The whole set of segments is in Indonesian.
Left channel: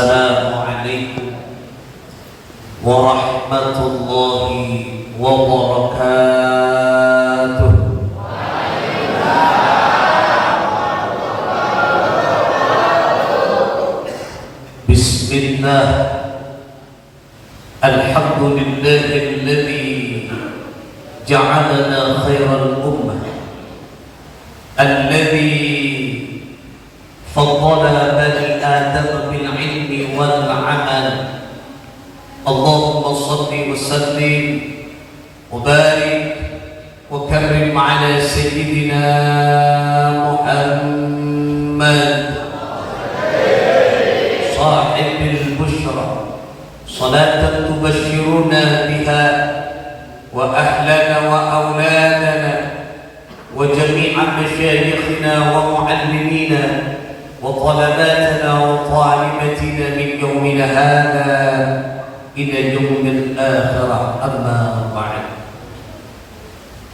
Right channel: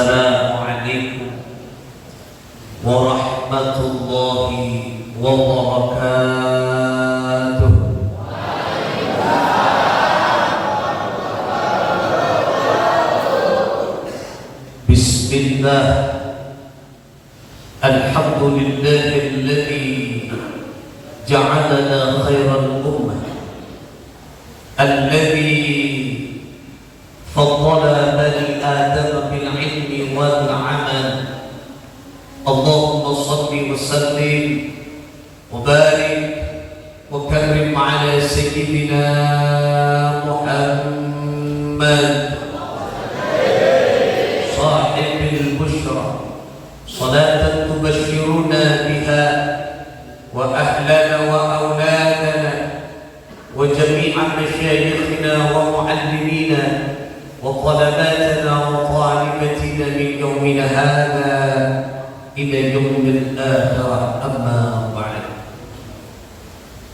Assalamualaikum warahmatullahi wabarakatuh. Bismillah. Alhamdulillahilladzi ja'alana khairal ummah alladzi faddala bani Adam bil ilmi wal amal. Allahumma shalli wa sallim wa barik wa karrim ala sayyidina Muhammad sahibil bushra salatan tubashshiruna biha wa ahlana wa awladana wa jami'a mashayikhina wa muallimina wa talabatana wa talibatina min yawmina hadha ila yaumil akhirah, amma ba'd.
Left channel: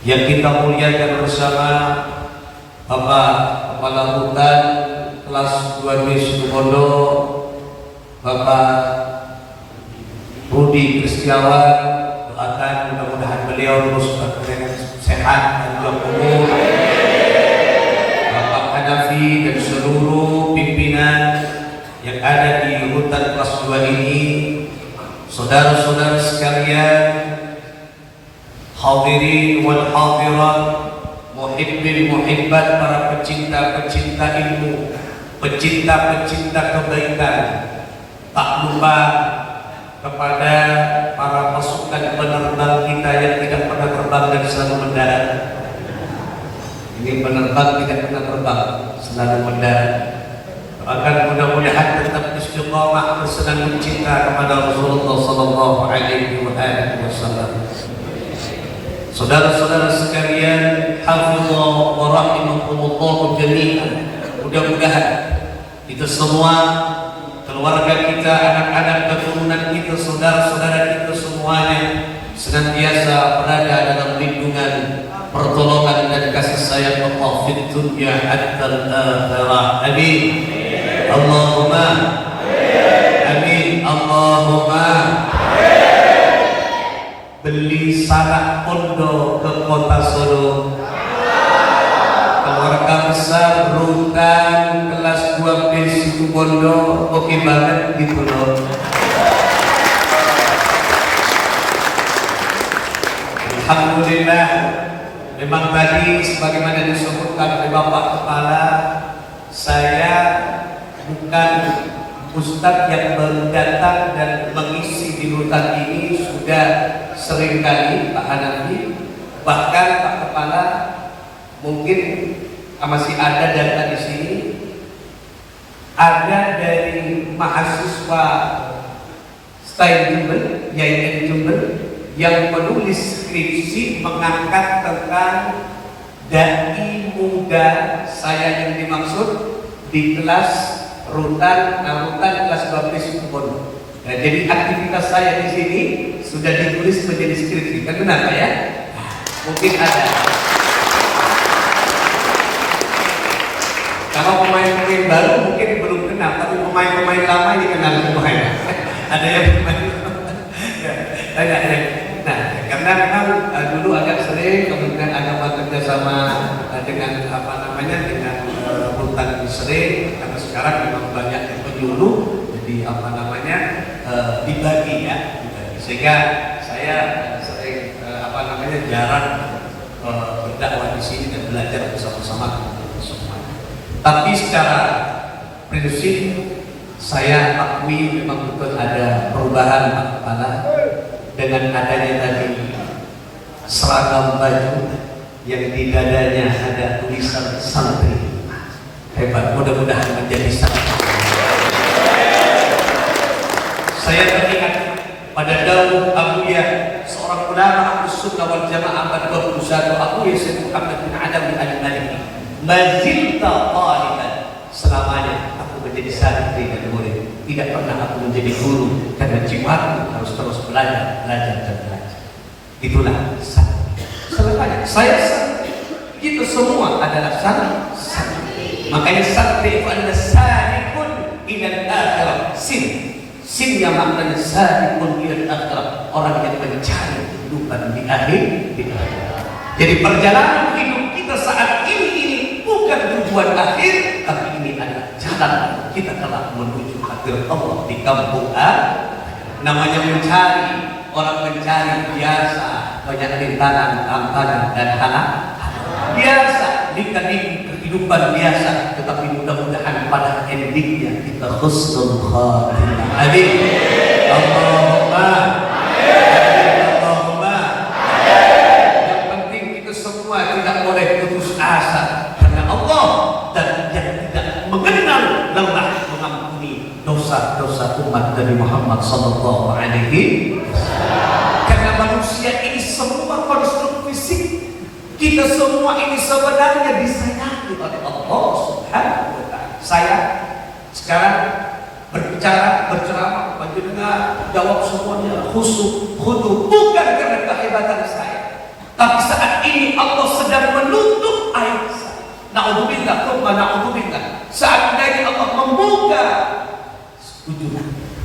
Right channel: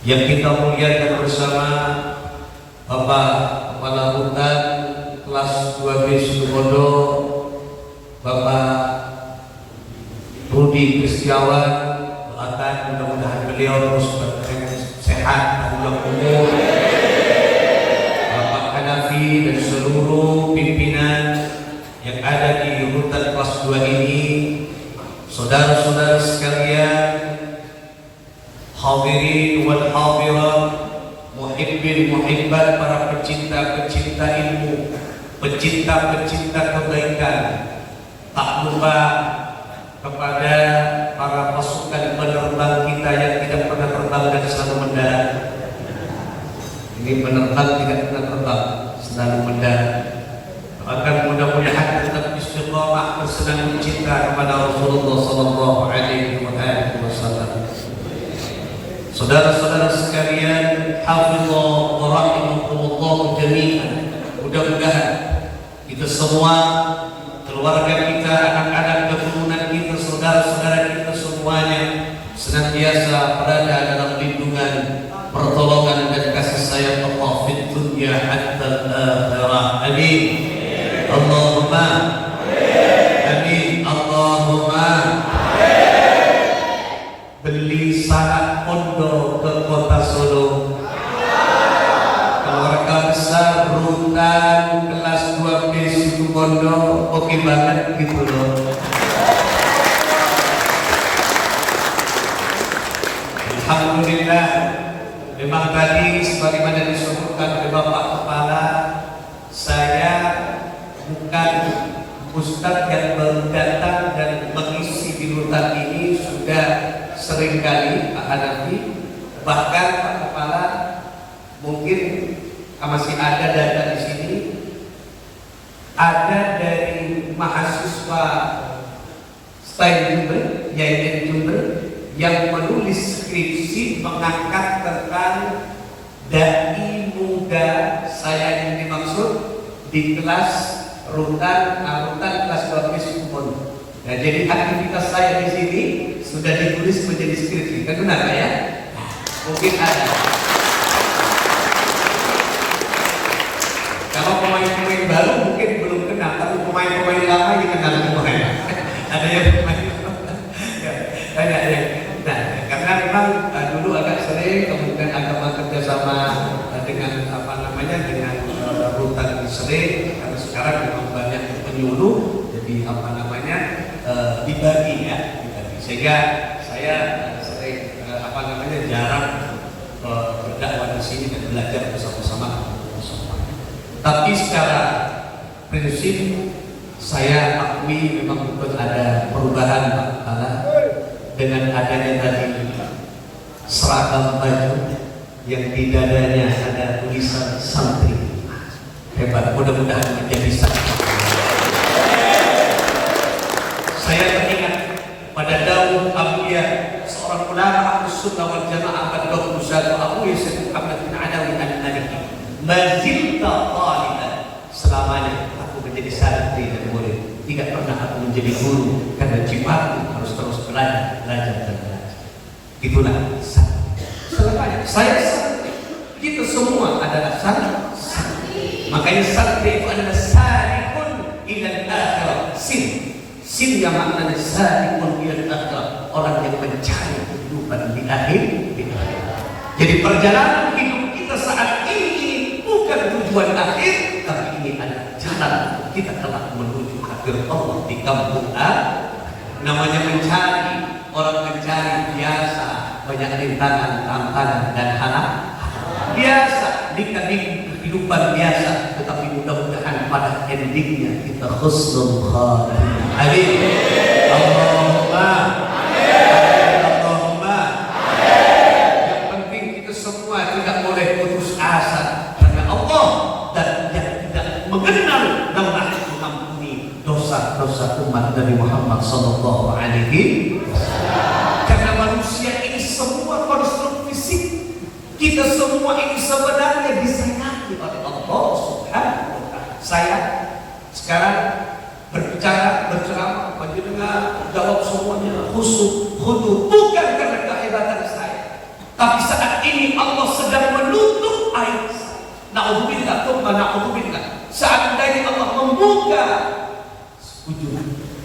Yang kita muliakan bersama Bapak Kepala Hutan kelas 2B Situbondo, Bapak Budi Kristiawan, doakan mudah-mudahan beliau terus sehat dan panjang umur. Bapak Hanafi dan seluruh pimpinan yang ada di Hutan kelas 2 ini, saudara-saudara sekalian, hadirin wal hadirat, muhibbin muhibbat, para pecinta-pecinta ilmu, pecinta-pecinta kebaikan, tak lupa kepada para pasukan penerbang kita yang tidak pernah terbang dan selalu mendarat. Ini penerbang tidak pernah terbang, selalu mendarat. Akan mudah-mudahan tetap istiqamah bersenang cinta kepada Rasulullah sallallahu alaihi wasallam. Saudara-saudara sekalian, hafizallah wa rahimakumullah jami'an. Mudah-mudahan kita semua, keluarga kita, anak-anak keturunan kita, saudara-saudara kita semuanya senantiasa berada dalam lindungan, pertolongan dan kasih sayang Allah fid dunya hatta al-akhirah. Amin. Allahumma amin. Allahumma beli sanak pondok ke kota Solo, keluarga besar Rutan kelas 2B Situbondo, oke banget gitu loh. Alhamdulillah, memang tadi sebagaimana disebutkan oleh Bapak Kepala, saya bukan ustadz yang baru datang dan mengisi di Rutan ini, sudah sering kali Pak Hanafi, bahkan Pak Kepala mungkin masih ada data di sini, ada dari mahasiswa Style Jumber, Yayasan Jumber, yang menulis skripsi mengangkat tentang dai muda saya yang dimaksud di kelas Rutan kelas 12 Situbondo. Nah, jadi aktivitas saya di sini sudah ditulis menjadi skripsi. Benar ya? Mungkin ada. Kalau pemain-pemain baru mungkin belum kenal, tapi pemain-pemain lama ini kenal semuanya. Ada yang pemain nah, karena memang dulu agak sering, kemudian ada bekerja sama dengan dengan Rutan sering, karena sekarang memang banyak yang penyuluh, jadi dibagi. Sehingga saya sering jarang berdakwah di sini dan belajar bersama-sama. Tapi secara prinsip saya akui memang betul ada perubahan Pak Kepala dengan adanya tadi seragam baju yang di dadanya ada tulisan santri. Hebat, mudah-mudahan menjadi santri. Saya teringat pada Daud Abuya, seorang ulama Ahlus Sunnah wal Jamaah pada 21, Abuya Sayyid Muhammad bin Adam al-Maliki, mazilta taliban, selamanya aku menjadi santri dan murid, tidak pernah aku menjadi guru, karena jiwaku harus terus belajar dan belajar. Itulah santri. Selamanya saya santri, kita semua adalah santri. Makanya santri itu adalah salikun ilal akhirah, sin makna sabiqun ila akhirah, orang yang mencari kehidupan di akhir. Jadi perjalanan hidup kita saat ini bukan tujuan akhir, tapi ini adalah jalan kita telah menuju akhir Allah di kampung namanya mencari, orang mencari biasa, banyak rintangan, tantangan dan hal biasa, nikah kehidupan biasa, tetapi mudah-mudahan pada endingnya kita husnul khatimah. Amin. Allahumma. Allahumma. Yang penting kita semua tidak boleh putus asa karena Allah, dan yang tidak mengenal lelah mengampuni dosa-dosa umat Nabi Muhammad sallallahu alaihi wasallam. Karena manusia ini semua konstruk fisik, kita semua ini sebenarnya disayangi oleh Allah Subhanahu wa Ta'ala. Saya sekarang berceramah, panjenengan jawab semuanya khusyuk, khudu, bukan karena kehebatan saya, tapi saat ini Allah sedang menutup aib saya. Na'udzubillah, na'udzubillah. Seandainya Allah membuka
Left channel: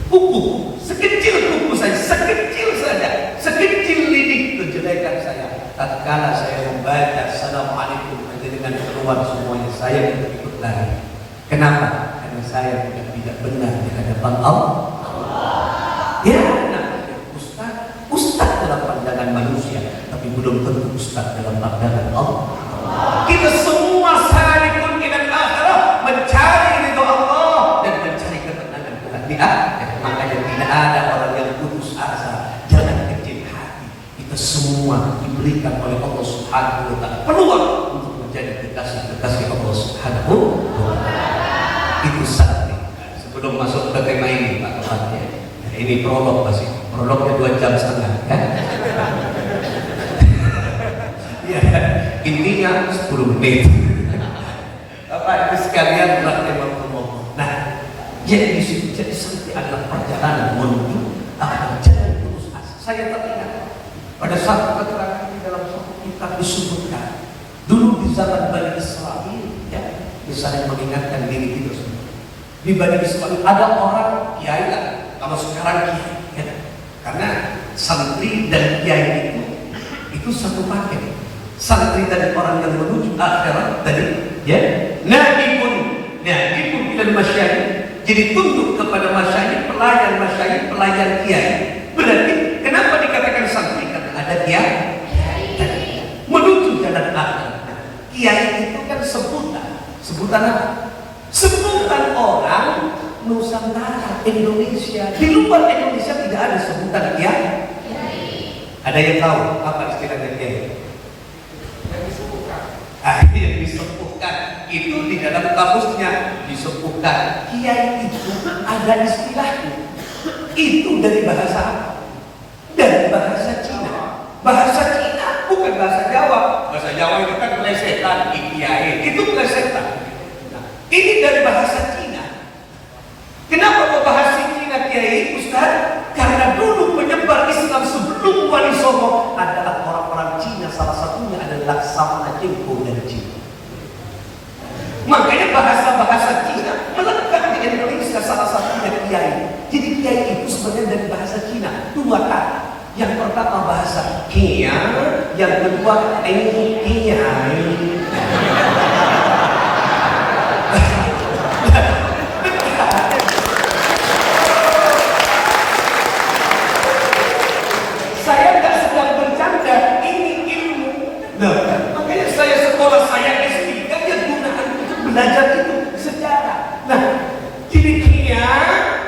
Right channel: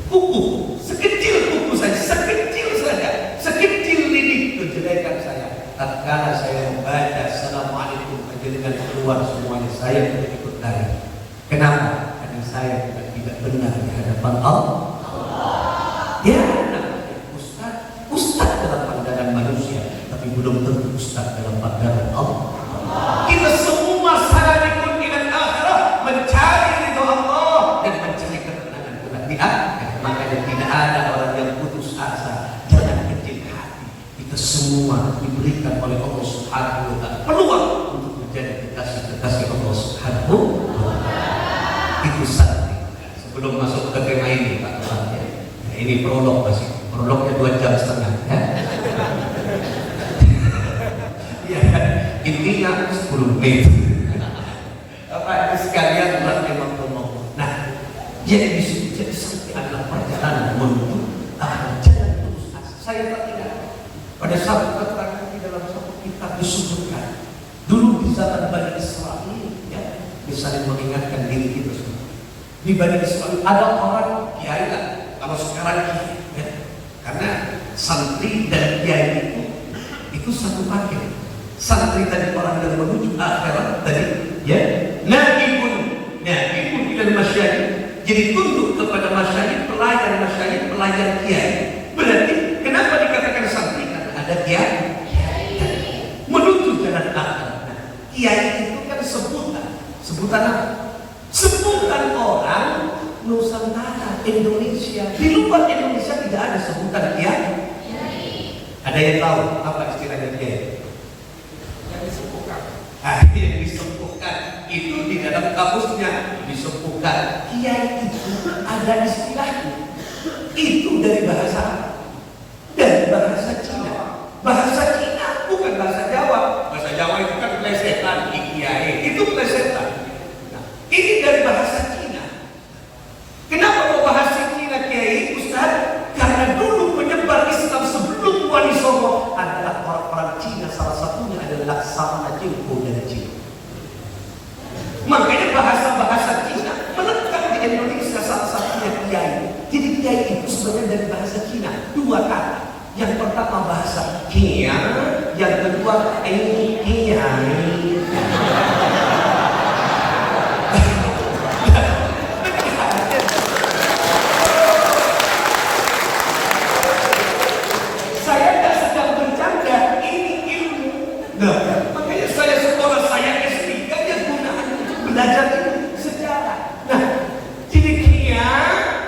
kuku, sekecil kuku saya, sekecil lidi kejelekan saya, tatkala saya membaca assalamualaikum dengan keluar semuanya, saya ikut lari. Kenapa? Karena saya tidak benar di hadapan Allah. Ya, namanya ustaz dalam pandangan manusia, tapi belum tentu ustaz dalam pandangan Allah. Kita semua sarikun ila akhirah, mencari ridho Allah dan mencari ketenangan di akhirat. Makanya tidak ada orang yang putus asa, jangan kecil hati. Kita semua diberikan oleh Allah Subhanahu wa Ta'ala peluang untuk menjadi kekasih Allah Subhanahu wa Ta'ala. Itu sakti. Sebelum masuk ke tema ini, Pak Tuhan, ya. Ini prolog masih. Prolognya 2,5 jam ya. Ya, intinya 10 menit. Bapak Ibu sekalian, rahimahumullah. Nah, jadi di situ jadi sakti adalah perjalanan menuju jalan putus asa. Saya teringat pada satu keterangan di dalam satu kitab disebutkan dulu di zaman Bani Israel, ya, misalnya mengingatkan diri kita semua. Di Bani Israel ada orang kiai lah, kalau sekarang kiai, ya, karena santri dan kiai itu satu paket. Santri dari orang yang menuju akhirat tadi, ya, naibun dan masyayikh. Jadi tunduk kepada masyayikh, pelayan kiai. Berarti kenapa dikatakan santri? Karena ada kiai menuju jalan akhirat. Kiai itu kan sebutan apa? Sebutan orang Nusantara, Indonesia. Di luar Indonesia tidak ada sebutan kiai. Ada yang tahu apa istilahnya kiai? Yang disepuhkan. Yang disepuhkan itu di dalam kamusnya disepuhkan. Kiai itu ada istilahnya. Itu dari bahasa Cina. Bahasa Cina bukan bahasa Jawa. Bahasa Jawa itu kan plesetan, kiai. Itu plesetan. Nah, ini dari bahasa Cina. Kenapa kok bahasa Cina kiai, Ustaz? Karena dulu penyebar Islam sebelum Wali Songo adalah orang-orang Cina, salah satunya adalah Laksamana Chilpo dari Cina. Makanya bahasa Cina melekat di Indonesia, salah satunya kiai. Jadi kiai itu sebenarnya dari bahasa Cina, dua kata. Yang pertama bahasa Kia, yang kedua kiai. Makanya saya sekolah, saya S3 aja gunakan untuk belajar itu sejarah. Nah, jadi kia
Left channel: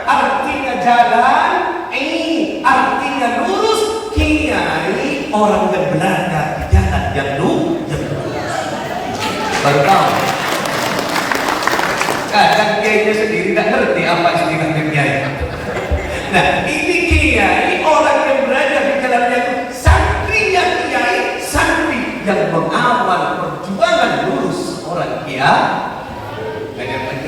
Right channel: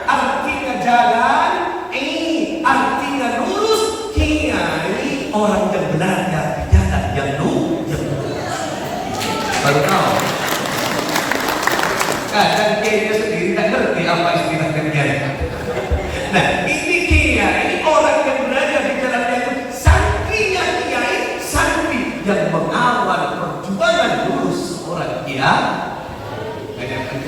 artinya jalan, artinya lurus. Kia ini orang yang berada di jalan yang lurus. Baru tahu. Kadang kiainya sendiri tidak ngerti apa istilahnya kiai. Nah, ini kia, ini orang yang berada di jalan yang lurus. Santrinya kiai, yang mengawal perjuangan lurus seorang kiai.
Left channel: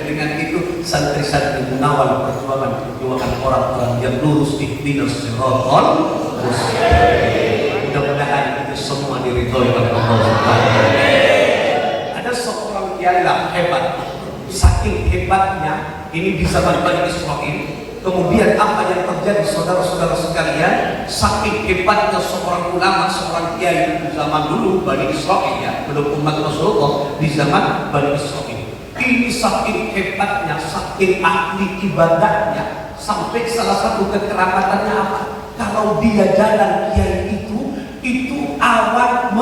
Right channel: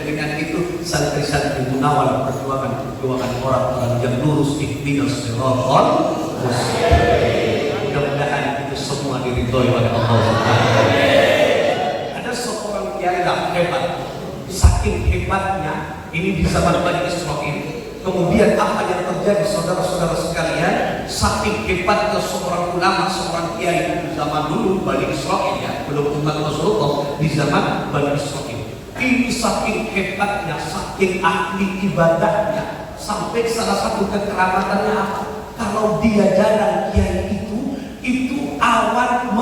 Dengan itu santri-santri mengawal perjuangan orang-orang yang lurus ihdinas siratal mustaqim. Mudah-mudahan itu semua diridhoi oleh Allah. Ada seorang kiai yang hebat, saking hebatnya ini di zaman Bani Israil Kemudian apa yang terjadi saudara-saudara sekalian, saking hebatnya seorang ulama, seorang kiai di zaman dulu Bani Israil ya, belum umat Rasulullah, di zaman Bani Israil. Ini saking hebatnya, saking ahli ibadahnya, sampai salah satu kekeramatannya apa? Kalau dia jalan kiai itu awan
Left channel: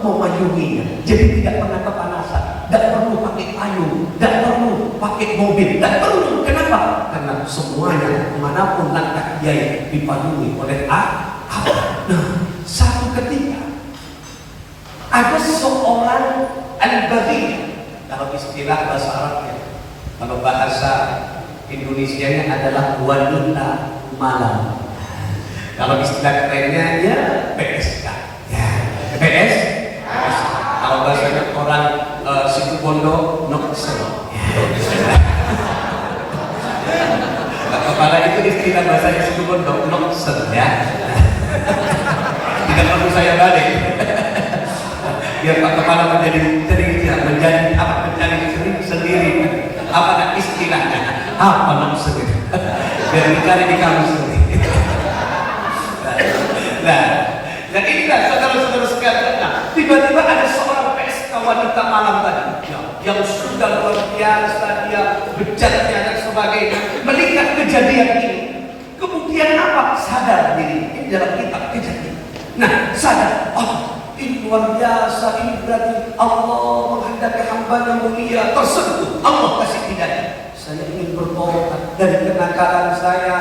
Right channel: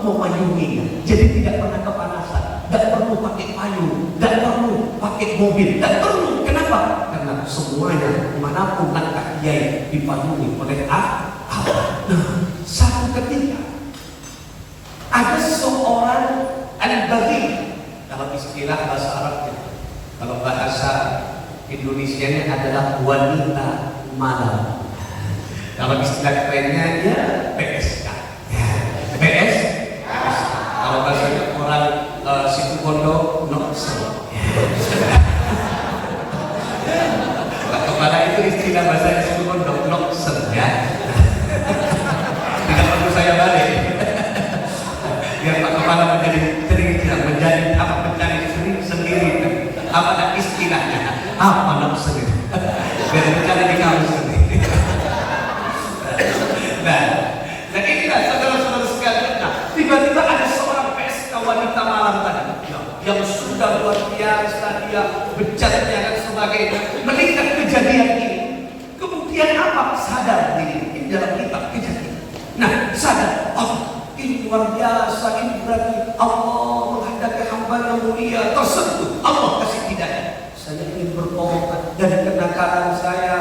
memayunginya. Jadi tidak pernah kepanasan, tidak perlu pakai payung, tidak perlu pakai mobil, tidak perlu. Kenapa? Karena semuanya manapun langkah kiai dipayungi oleh awan. Nah, satu ketika ada seorang al-baghi, dalam istilah bahasa Arabnya, kalau bahasa Indonesianya adalah wanita malam. Kalau istilah kerennya ya PSK. Ya, PS. Kalau bahasa orang situ Bondo Noksel. Kepala itu istilah bahasa situ Bondo Noksel ya. Tidak perlu saya balik. Biar Pak Kepala menjadi cerita, menjadi sendiri. Apa istilahnya? Apa Noksel? Biar dicari di kamus sendiri. Dan inilah saudara-saudara sekalian, tiba-tiba ada seorang pesta wanita malam tadi yang sudah luar biasa, dia bejatnya dan sebagainya, melihat kejadian ini. Kemudian apa? Sadar diri, ini dalam kitab kejadian. Nah, sadar, oh ini luar biasa, ini berarti Allah menghadapi hamba yang mulia tersentuh. Allah kasih hidayah. Saya ingin bertobat dari kenakalan saya,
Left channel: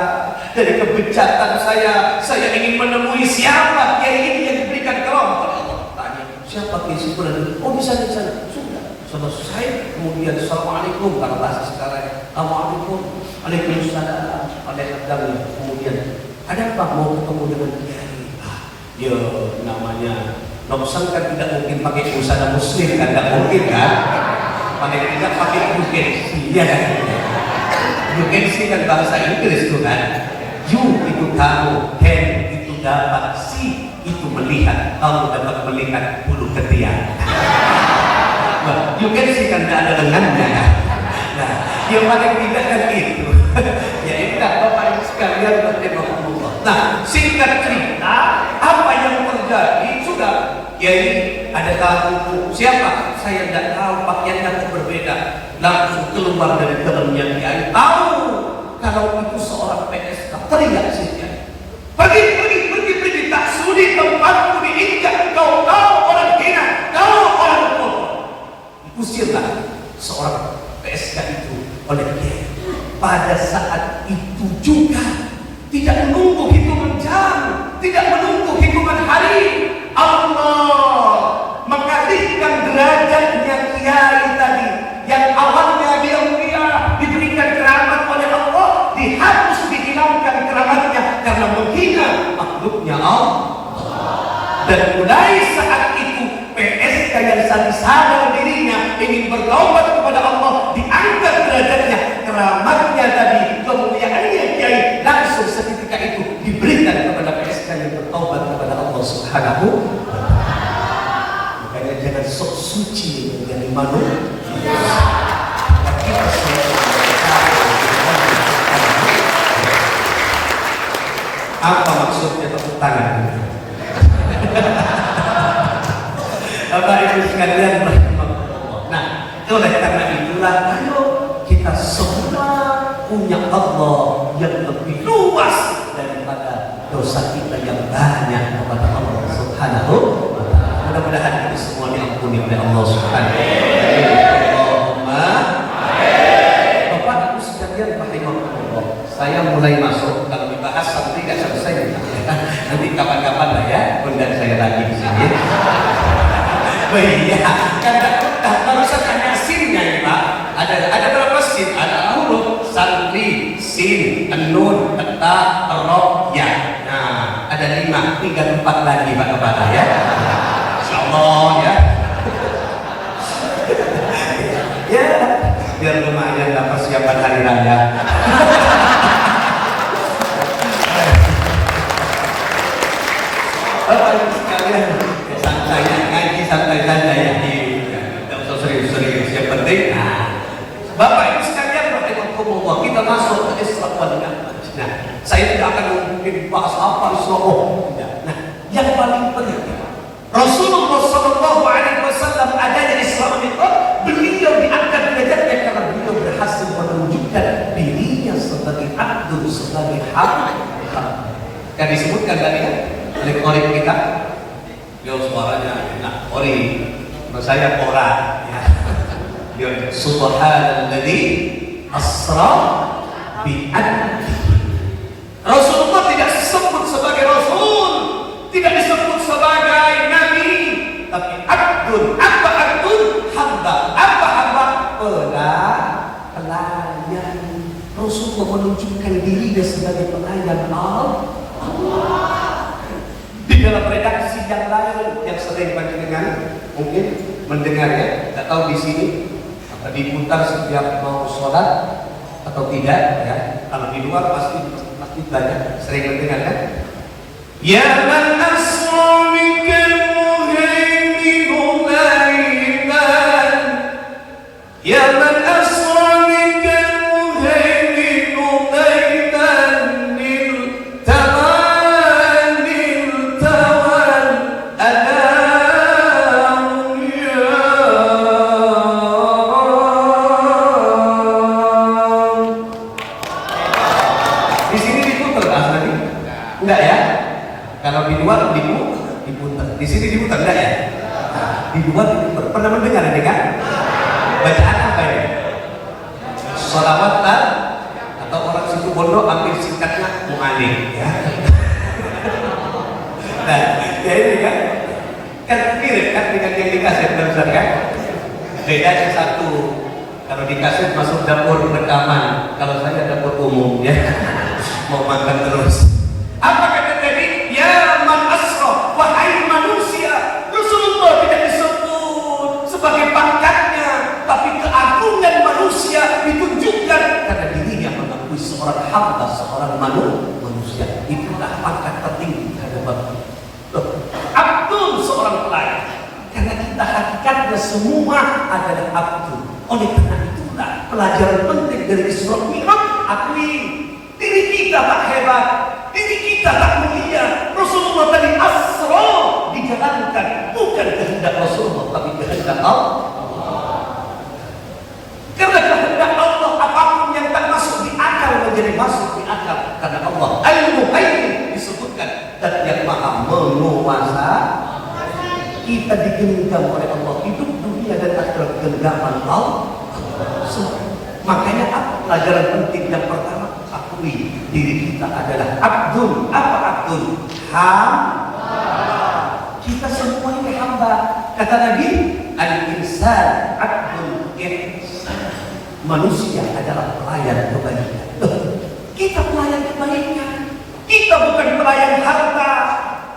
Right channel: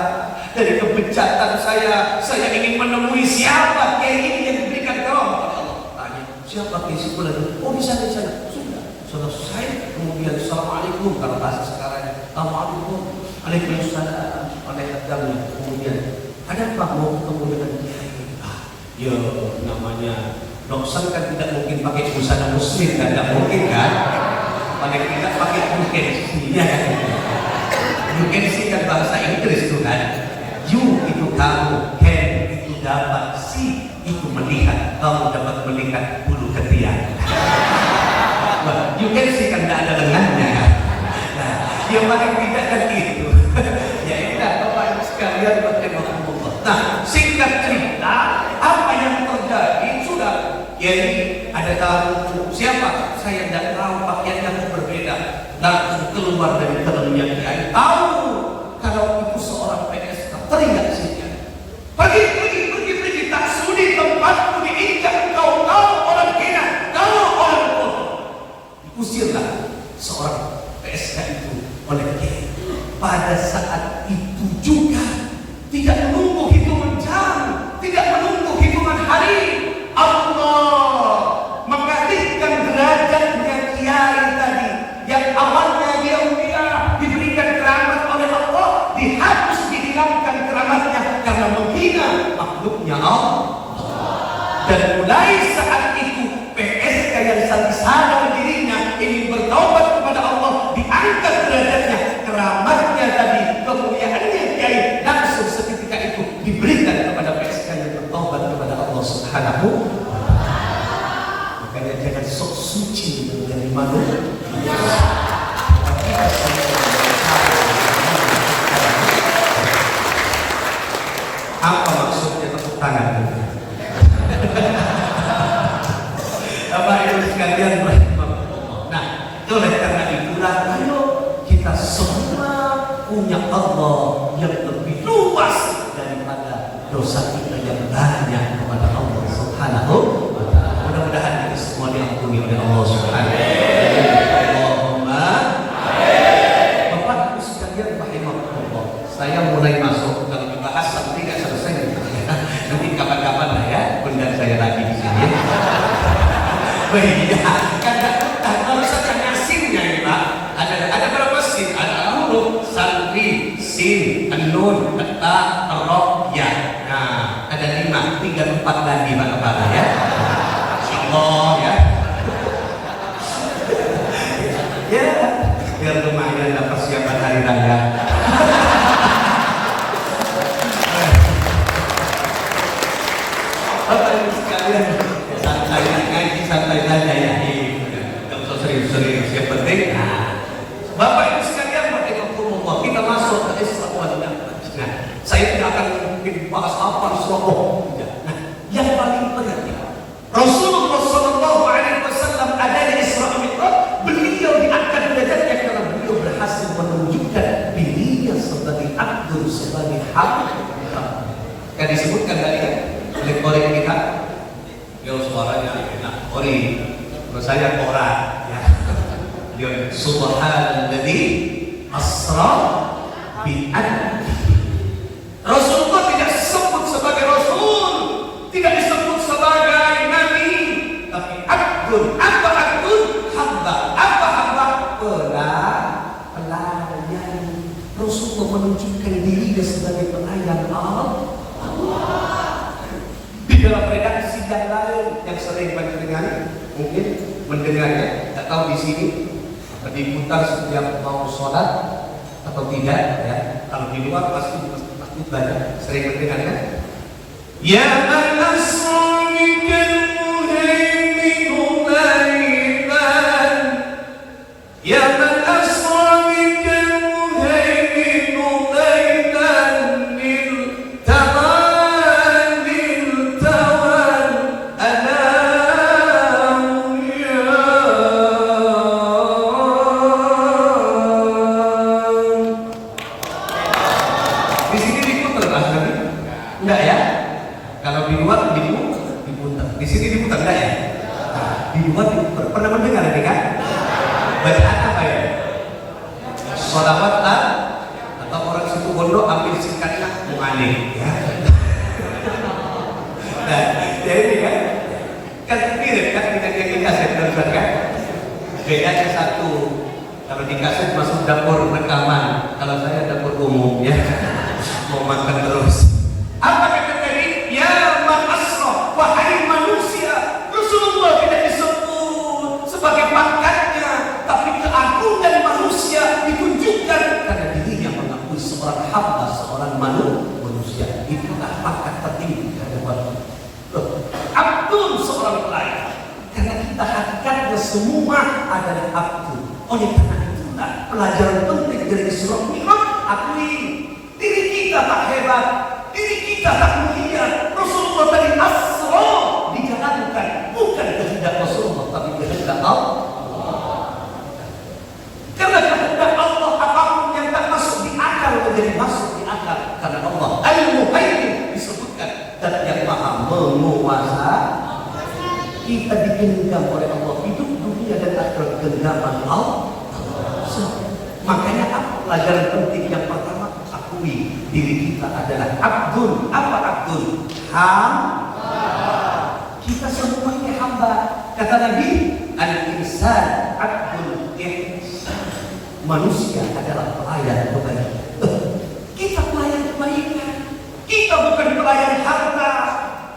dari kebejatan saya ingin menemui siapa kiai ini yang diberikan karam oleh Allah. Tanya, siapa kiai itu? Oh di sana. Sudah selesai. Kemudian assalamualaikum, kalau bahasa sekarang assalamualaikum, waalaikumsalam, waalaikumsalam. Kemudian ada apa, mau ketemu dengan kiai? Ya namanya Noksan kan tidak mungkin pakai busana muslim, tidak mungkin kan? Paling tidak pakai bukensi, ya. Bukensi kan bahasa Inggris tuh kan. You itu tahu, can itu dapat, see itu melihat, kamu dapat melihat bulu ketiak. Nah, you can see kan tidak ada lengannya. Nah, yang paling tidak kan itu. Ya ini kan Bapak Ibu sekalian bertemu. Nah, singkat cerita, apa yang terjadi sudah. Jadi ada tamu, siapa? Saya tidak tahu, pakaiannya berbeda. Langsung keluar dari dalamnya kiai. Tahu kalau itu seorang PSK, teriak saja. Pergi, tak sudi tempatku diinjak. Kau orang hina, kau orang bodoh. Diusirlah seorang PSK itu oleh kiai. Pada saat itu juga tidak menunggu hitungan jam, tidak menunggu hitungan hari. Allah mengalihkan derajatnya kiai tadi yang awalnya dia mulia, diberikan keramat oleh Allah, dihapus, dihilangkan keramatnya karena menghina makhluknya Allah. Dan mulai saat itu PSK yang sadar dirinya ingin bertaubat kepada Allah, diangkat derajatnya, keramatnya tadi, kemuliaannya kiai langsung seketika itu diberikan kepada PSK yang bertaubat kepada Allah Subhanahu. Makanya jangan sok suci menjadi malu. Apa maksudnya tepuk tangan? Bapak Ibu sekalian, nah oleh karena itulah kalau kita semua punya Allah yang lebih luas daripada dosa kita yang banyak kepada Allah Subhanahu wa ta'ala. Mudah-mudahan kita semua diampuni oleh Allah Subhanahu wa ta'ala. Bapak Ibu sekalian, rahimahullah, saya mulai masuk dalam dibahas tapi tidak selesai. Nanti kapan-kapan lah ya, undang saya lagi di sini. Iya, kan kalau saya sinnya ya Pak, ada berapa sin? Ada huruf santri, sin, nun, ta, ro, ya. Nah, ada 5, 3, 4 lagi Pak Kepala ya. Insyaallah ya. Ya, biar lumayan lah persiapan hari raya. Santai saja ya, tidak usah serius-serius. Yang penting, Bapak Ibu sekalian, kita masuk ke Islam wal Jamaah. Kan disebutkan tadi ya, oleh kolik kita, beliau suaranya enak, kolik, kalau saya orang, ya. Beliau subhanalladzi asra bi'abdi. Rasulullah tidak disebut sebagai Rasul, tidak disebut sebagai Nabi, tapi abdul. Apa abdul? Hamba. Apa hamba? Pelayan. Rasulullah menunjukkan dirinya sebagai pelayan Allah. Di dalam redaksi yang lain yang sering mendengar, mungkin mendengarnya, tak tahu di sini apa diputar setiap mau sholat atau tidak ya. Kalau di luar pasti banyak sering mendengar kan? Ya man asra bikal muhaimin lailan, ya man asra bikal muhaimin lailan, niltawan alam ya. Di sini diputar Nabi? Enggak ya? Kalau di luar diputar. Di sini diputar enggak ya? Nah, di luar diputar. Pernah mendengar ini kan? Bacaan apa ya? Sholawat atau orang situ bondo ambil singkatnya mu'anik ya. Nah, ya ini kan mirip kan dengan yang di kaset kan? Bedanya satu, kalau di kaset masuk dapur rekaman, kalau saya dapur umum ya. Mau makan terus. Apa kata tadi? Ya man asra, wahai manusia. Rasulullah tidak disebut sebagai pangkatnya, tapi keagungan manusia ditunjukkan karena dirinya mengakui seorang hamba, seorang manusia. Itulah pangkat tertinggi hadapan Abdul, seorang pelayan. Karena kita hakikatnya semua adalah Abdul. Oleh karena itulah pelajaran penting dari surah Mi'raj, akui diri kita tak hebat, diri kita tak mulia. Rasulullah tadi asra dijalankan, bukan kehendak Rasulullah tapi kehendak Allah. Karena kehendak Allah apapun yang tak masuk di akal menjadi masuk di akal. Karena Allah Al-Muhaimin disebutkan dan yang maha menguasai. Kita diinginkan oleh Allah hidup dunia dan akhirat genggaman Allah. Makanya apa pelajaran penting yang pertama? Diri kita adalah abdul. Apa abdul? Hamba. Kita semua ini hamba. Kata Nabi, al-insan abdul ihsan. Manusia adalah pelayan kebaikan. Kita pelayan kebaikan. Kita bukan pelayan harta.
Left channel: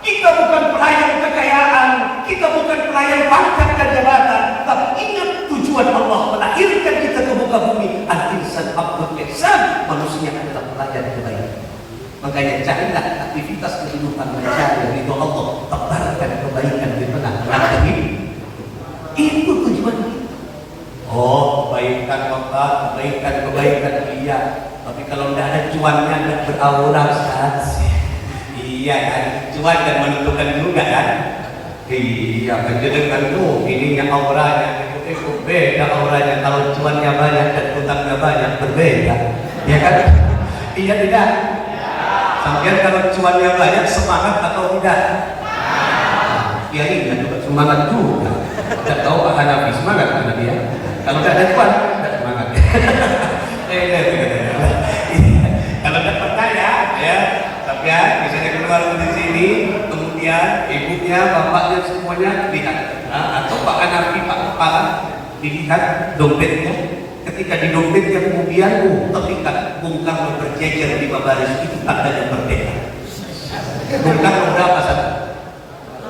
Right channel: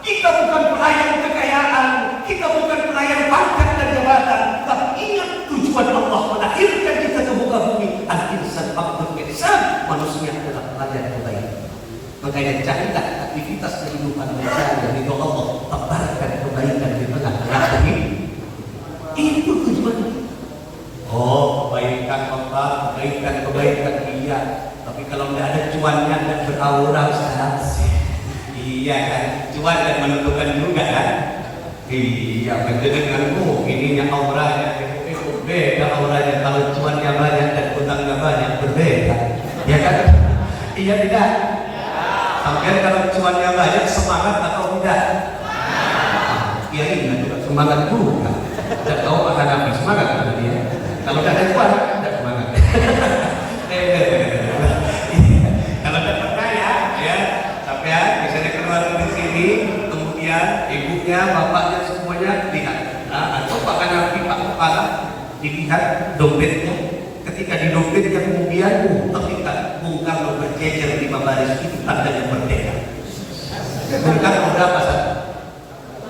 Kita bukan pelayan kekayaan. Kita bukan pelayan pangkat dan jabatan. Tapi ingat tujuan Allah melahirkan kita ke muka bumi. Al-insan abdul ihsan. Manusia adalah pelayan kebaikan. Makanya carilah aktivitas kehidupan mencari dari Allah, tebarkan kebaikan di tengah negeri. Itu tujuan kita. Oh, kebaikan Allah, kebaikan iya. Tapi kalau tidak ada cuannya, tidak beraura saja. Iya kan, cuan dan menentukan juga kan. Iya kan, dengan ininya auranya. Beda auranya. Kalau cuannya banyak dan utangnya banyak, berbeda. Ya kan? Iya tidak? Sampai kalau cuannya banyak semangat atau tidak? Ya iya juga semangat juga. Tidak tahu akan Nabi semangat karena dia. Kalau tidak ada cuan, tidak semangat. Kalau tidak percaya, ya. Tapi ya, misalnya keluar di sini, kemudian ibunya, bapaknya semuanya lihat. Atau Pak Nabi, Pak Kepala dilihat dompetnya. Ketika di dompetnya kemudian ketika Bung Karno berjejer di baris itu tandanya berbeda. Bung Karno berapa?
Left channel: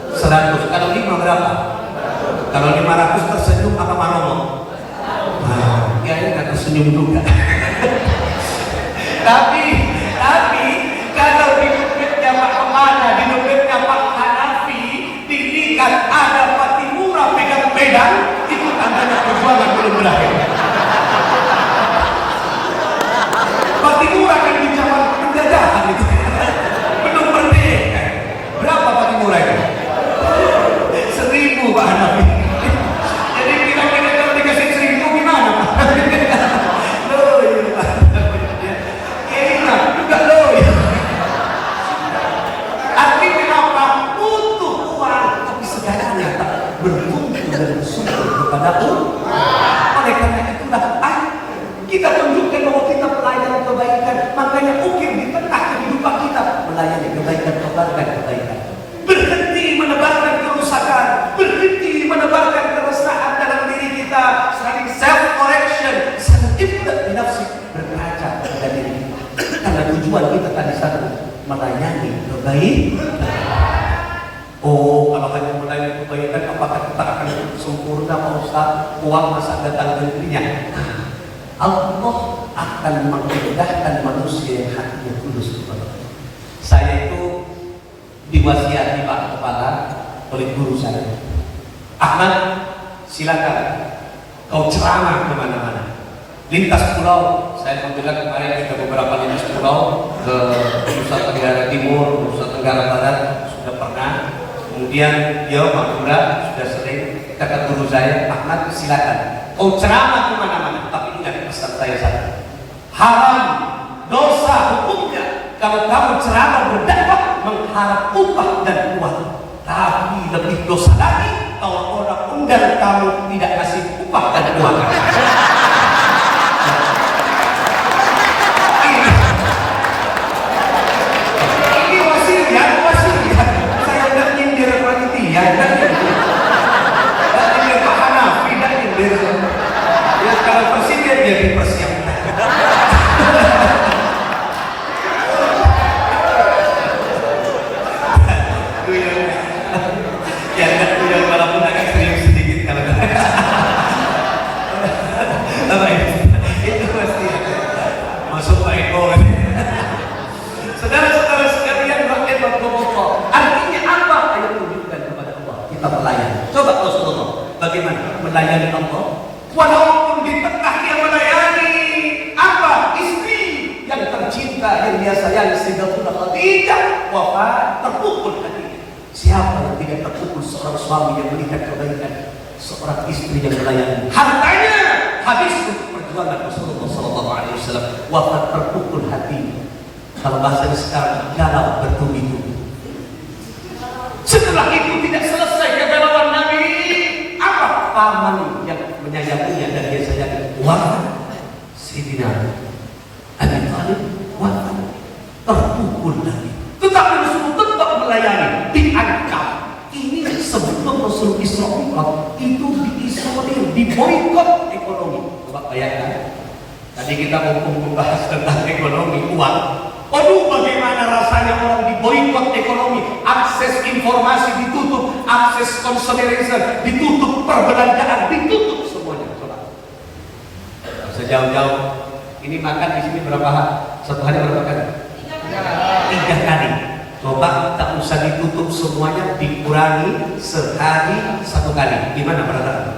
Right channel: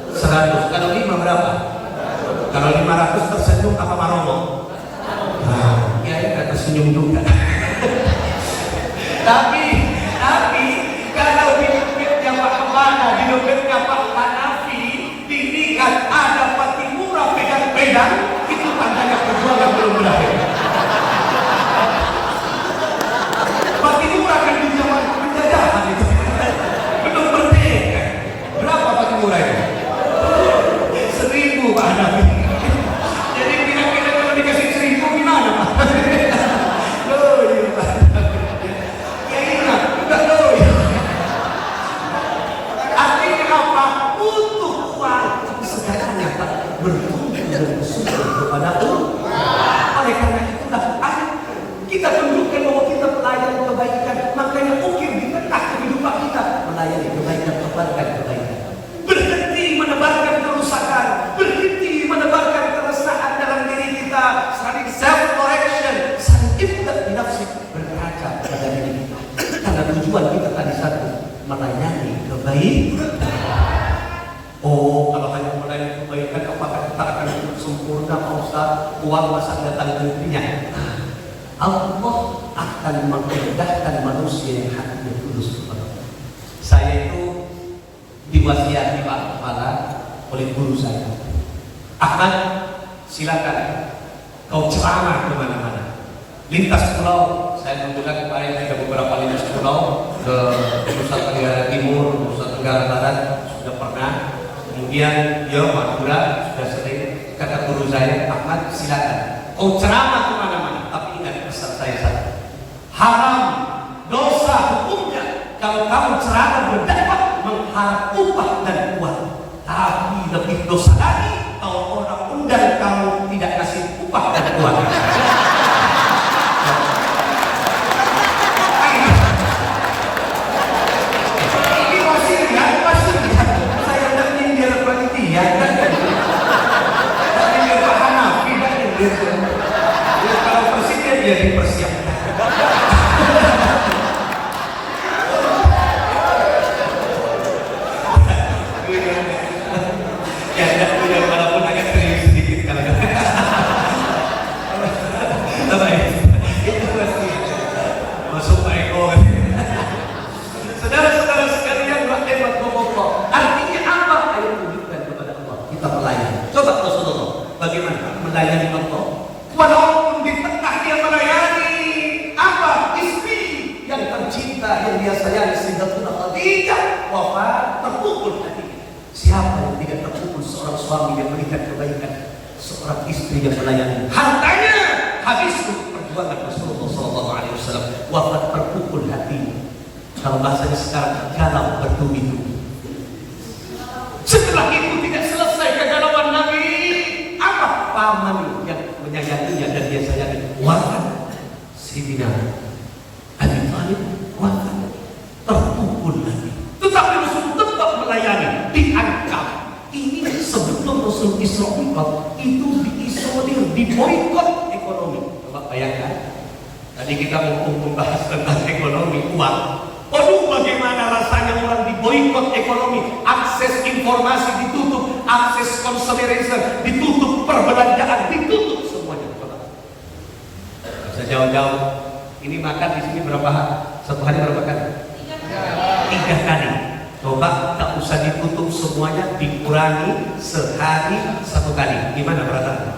100. Kalau 5 berapa? Kalau 500 tersenyum apa marah? Nah, ya ini kan tersenyum juga. Tapi kalau di dompetnya Pak Kemana, di dompetnya Pak Hanafi dilihat ada Pati Murah pegang pedang, itu tandanya perjuangan belum berakhir. kepada Allah. Oleh karena itulah kita tunjukkan bahwa kita melayani kebaikan. Makanya ukir di tengah kehidupan kita melayani kebaikan, kebaikan. Berhenti menebarkan kerusakan, berhenti menebarkan keresahan dalam diri kita, saling self correction, saling ibdat binafsi, berkaca pada diri kita. Karena tujuan kita tadi satu, melayani kebaikan. Oh, kalau hanya melayani kebaikan, apakah kita akan sempurna, Pak Ustaz? Uang masa datang negerinya. Allah akan mengindahkan manusia yang hatinya tulus kepada. Saya itu diwasiati Pak Kepala oleh guru saya. Ahmad, silakan kau ceramah kemana-mana. Lintas pulau, saya kebetulan kemarin juga beberapa lintas pulau ke Nusa Tenggara Timur, Nusa Tenggara Barat sudah pernah. Kemudian Madura sudah sering. Kata guru saya, Ahmad, silakan kau ceramah kemana-mana. Tapi ingat pesan saya satu, haram, dosa hukumnya kalau kamu ceramah berdakwah mengharap upah dan uang. Tapi lebih dosa lagi kalau orang undang kamu tidak kasih upah dan uang. Ini masih ya. Saya tidak nyindir panitia, tidak nyindir Pak Hanafi, tidak nyindir. Ya, kalau presiden dia dipersiapkan. Bagaimana melayani Allah? Walaupun di tengah dia melayani apa? Istri yang tercinta yang dia sayangi Sayyidatuna Khadijah wafat, terpukul hatinya. Siapa yang tidak terpukul? Seorang suami yang melihat kebaikan seorang istri yang melayani. Hartanya habis untuk perjuangan Rasulullah SAW. Wafat, terpukul hatinya. Kalau bahasa sekarang, galau bertubi-tubi. Setelah itu tidak selesai kegalauan Nabi. Paman yang menyayanginya dan dia sayangi wafat. Sayyidina Abi Thalib wafat, terpukul Nabi. Tetapi Rasul tetap melayani, diangkat. Ini sebelum Rasul Isra Mi'raj itu diisolir, diboikot ekonomi. Coba bayangkan, tadi kita mau membahas tentang ekonomi, uang. Aduh, bagaimana rasanya orang diboikot ekonomi, akses informasi ditutup, akses consideration ditutup, perbelanjaan ditutup semuanya. Coba sejauh-jauh ini makan di sini berapa hari? Satu hari berapa kali? 3 kali. Coba tak usah ditutup semuanya, dikurangi sehari 1 kali. Gimana perasaan?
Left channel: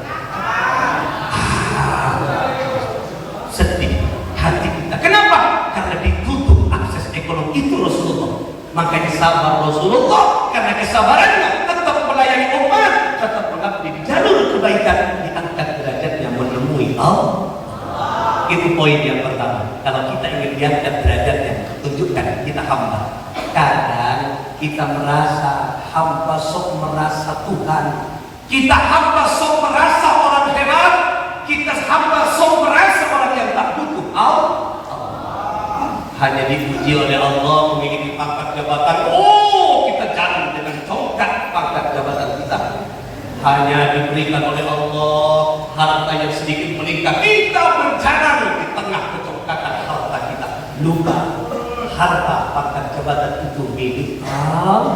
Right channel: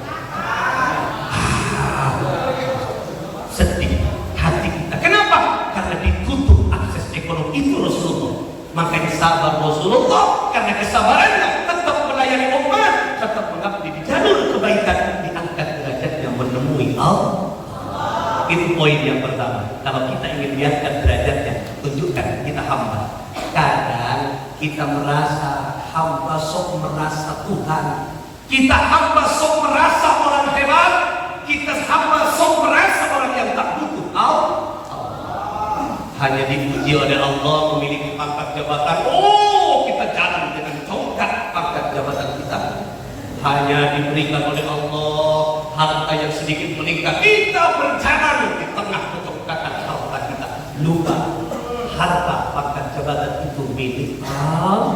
Sedih hati kita. Kenapa? Karena ditutup akses ekonomi. Itu Rasulullah. Makanya sabar Rasulullah, karena kesabarannya tetap melayani umat, tetap mengabdi di jalur kebaikan, diangkat derajatnya menemui Allah. Itu poin yang pertama. Kalau kita ingin diangkat derajatnya, tunjukkan kita hamba. Kadang kita merasa hamba sok merasa Tuhan, kita hamba sok merasa orang hebat, kita hamba sok merasa orang yang tak butuh Allah. Hanya dipuji oleh Allah, memiliki pangkat jabatan. Oh, kita jalan dengan congkak pangkat jabatan kita. Hanya diberikan oleh Allah harta yang sedikit meningkat, kita berjalan di tengah kecongkakan harta kita. Lupa harta pangkat jabatan itu milik Allah.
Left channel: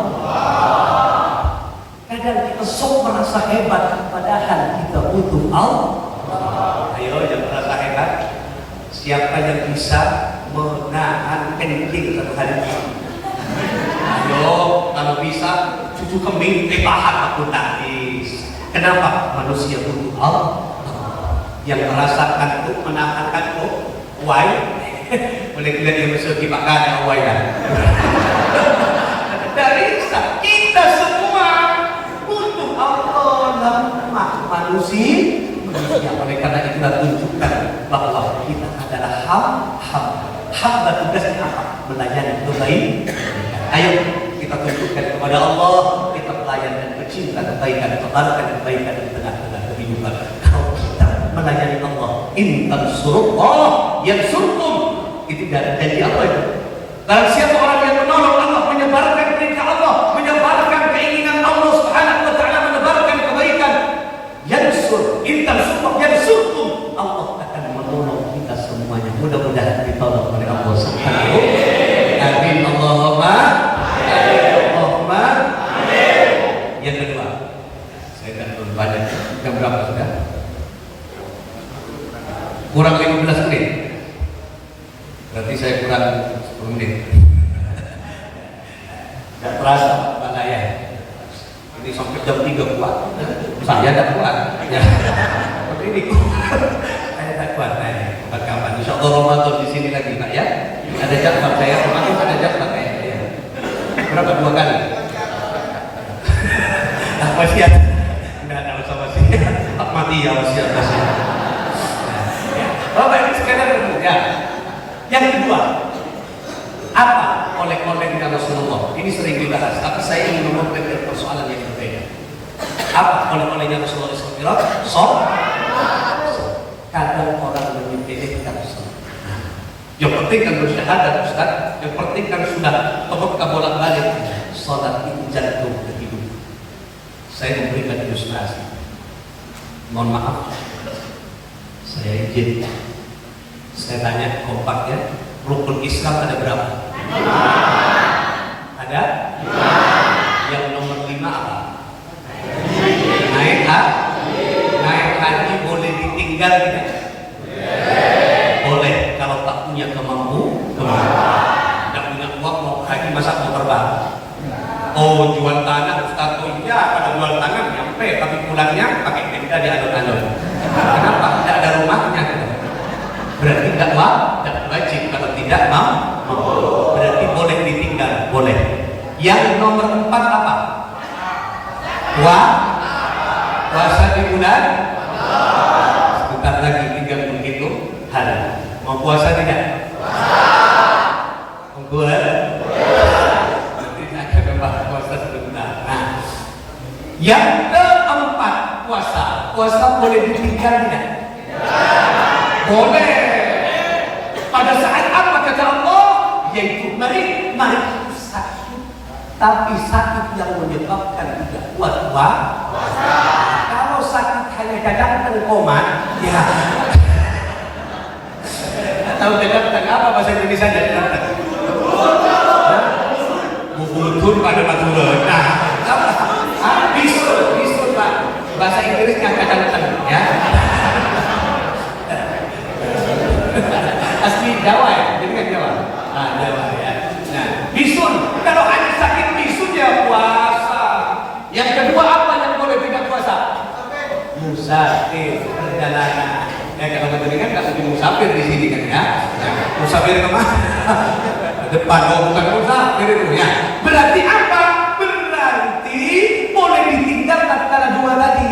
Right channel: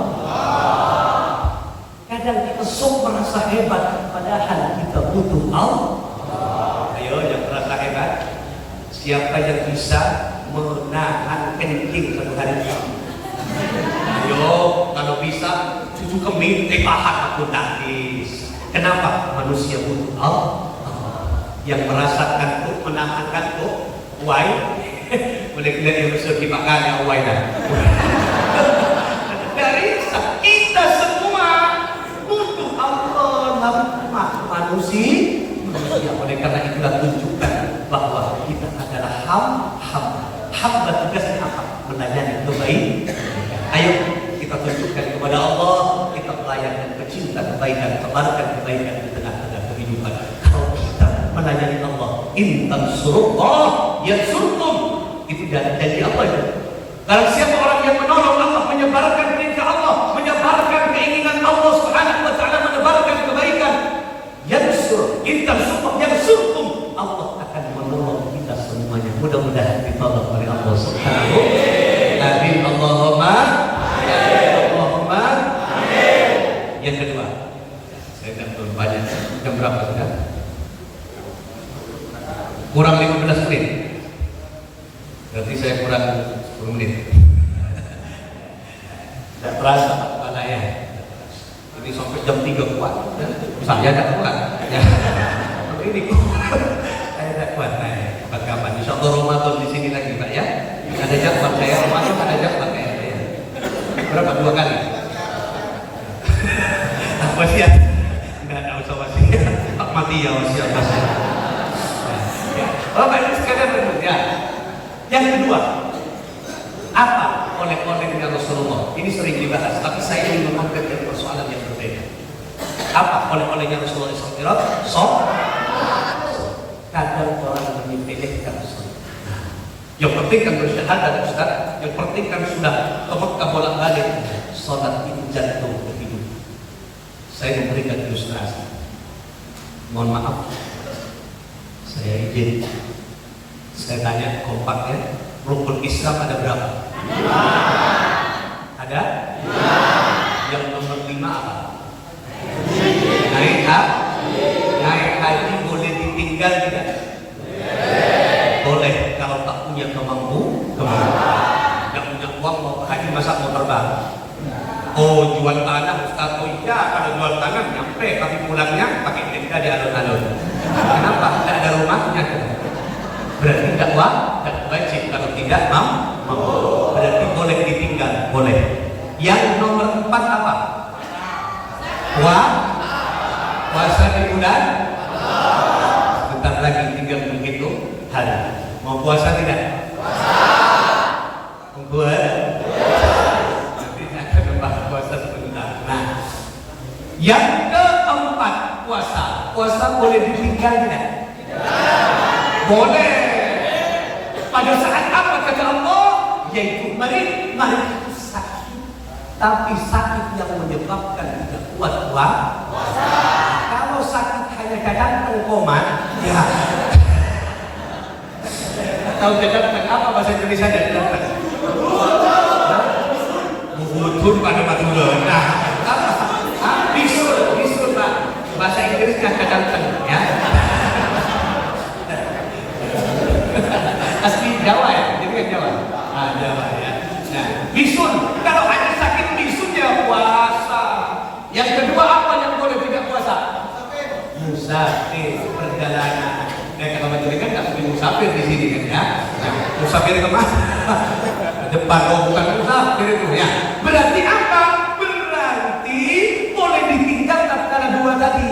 Kadang kita sok merasa hebat, padahal kita butuh Allah. Ayo yang merasa hebat, siapa yang bisa menahan kencing satu hari? Ayo, kalau bisa cucu keming, tahan aku tangis. Kenapa? Manusia butuh Allah. Yang merasakan itu menahan itu, why? Boleh tidak dimaksud dimakan ya why lah. Dari kita semua butuh Allah, lemah manusia. Oleh karena itulah tunjukkan bahwa kita adalah hamba tugasnya apa? Melayani kebaikan. Ayo kita tunjukkan kepada Allah, kita pelayan dan pecinta kebaikan, tebarkan kebaikan di tengah-tengah kehidupan. in tansurullah yansurkum. Itu janji Allah itu. Barang siapa orang yang menolong Allah, menyebarkan perintah Allah, menyebarkan keinginan Allah Subhanahu wa taala, menyebarkan kebaikan, yansur, in tansurullah yansurkum, Allah akan menolong kita semuanya. Mudah-mudahan ditolong oleh Allah Subhanahu wa taala. Amin. Allahumma Allahumma amin. Yang kedua, saya akan berbanyak. Jam berapa sudah? Kurang 15 menit. Berarti saya kurang 10 menit. Tidak terasa pada ya. Ini sampai jam 3 kuat. Saya tidak kuat. Ya. Seperti ini. Saya tidak kuat. Kawan-kawan. Insya Allah Ramadan di sini lagi Pak ya. Ada jam saya Ramadan ada jam pakai. Berapa 2 kali? Apa sih ya? Tidak ada usah wasiat. Mati ya wasiat. Bapak ini sekalian ya. Yang kedua, apa oleh-olehnya Rasulullah? Ini sering dibahas, tapi saya ingin mengambil persoalan yang berbeda. Apa oleh-olehnya Rasulullah SAW? Kadang orang menyepelekan sholat. Yang penting kan bersyahadat Ustaz. Yang penting kan sudah Mekah bolak-balik. Sholat itu jantung kehidupan. Saya memberikan ilustrasi. Mohon maaf, saya izin. Saya tanya kompaknya, rukun Islam ada berapa? 5. Ada? 5. Yang nomor 5 apa? Naik haji boleh ditinggal tidak? Boleh kalau tak punya kemampuan. Tak punya uang mau haji masa mau terbang. Oh jual tanah Ustaz, oh iya kalau jual tanah nyampe, tapi pulangnya pakai tenda di alun-alun. Kenapa? Tidak ada rumahnya. Berarti tidak wajib. Kalau tidak mau, berarti boleh ditinggal, boleh. Yang nomor 4 apa? Puasa di bulan. Sebentar lagi tinggal begitu hari. Mau puasa tidak? Boleh. Nanti akan puasa sebentar. Nah, yang keempat puasa boleh ditinggal tidak? Boleh. Pada saat apa kata Allah? Yaitu mari sakit. Tapi sakit yang menyebabkan tidak kuat puasa. Kalau sakit hanya kadang-kadang koma, ya. Tahu kadang-kadang apa bahasa Indonesia kadang-kadang? Budur pada natural. Nah, bisul Pak. Bahasa Inggrisnya kadang-kadang ya. Asli Jawa ya, jadi kan Jawa. Jawa ya. Nah, bisul. Kalau ada sakit bisul ya puasa. Yang kedua apa yang boleh tidak puasa? Musafir perjalanan. Kalau tadi kan nggak lebih musafir di sini kan ya. Musafir kemana? Ke depan, bukan musafir itu ya. Berarti apa? Berarti boleh ditinggal tatkala 2 tadi.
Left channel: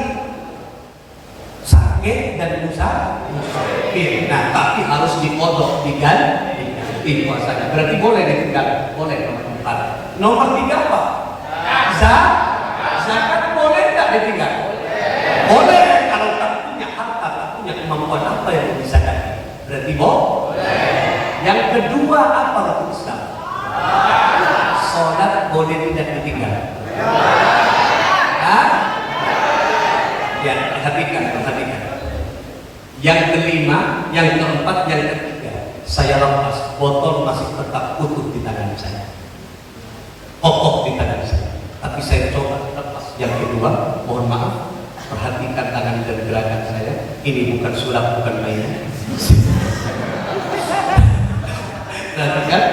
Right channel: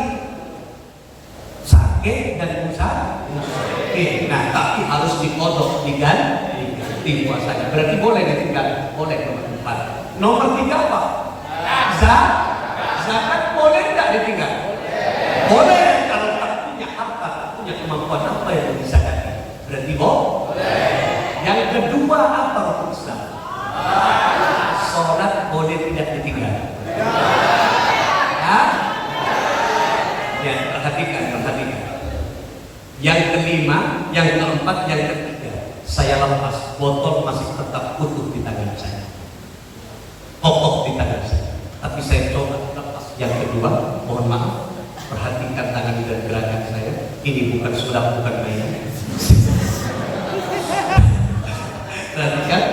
Sakit dan musafir. Nah, tapi harus dikodok, diganti puasanya. Berarti boleh ditinggal, boleh nomor 4. Nomor 3 apa? Zakat boleh tidak ditinggal? Boleh. Kalau tak punya harta, tak punya kemampuan apa yang disakati? Berarti boleh. Yang kedua apa rukun Islam? Sholat boleh tidak ditinggal? Ya, perhatikan. Yang kelima, yang keempat, yang ketiga, saya lepas, botol masih tetap utuh di tangan saya, kokoh di tangan saya. Tapi saya coba lepas. Yang kedua, mohon maaf, perhatikan tangan dan gerakan saya. Ini bukan sulap, bukan mainan. Perhatikan,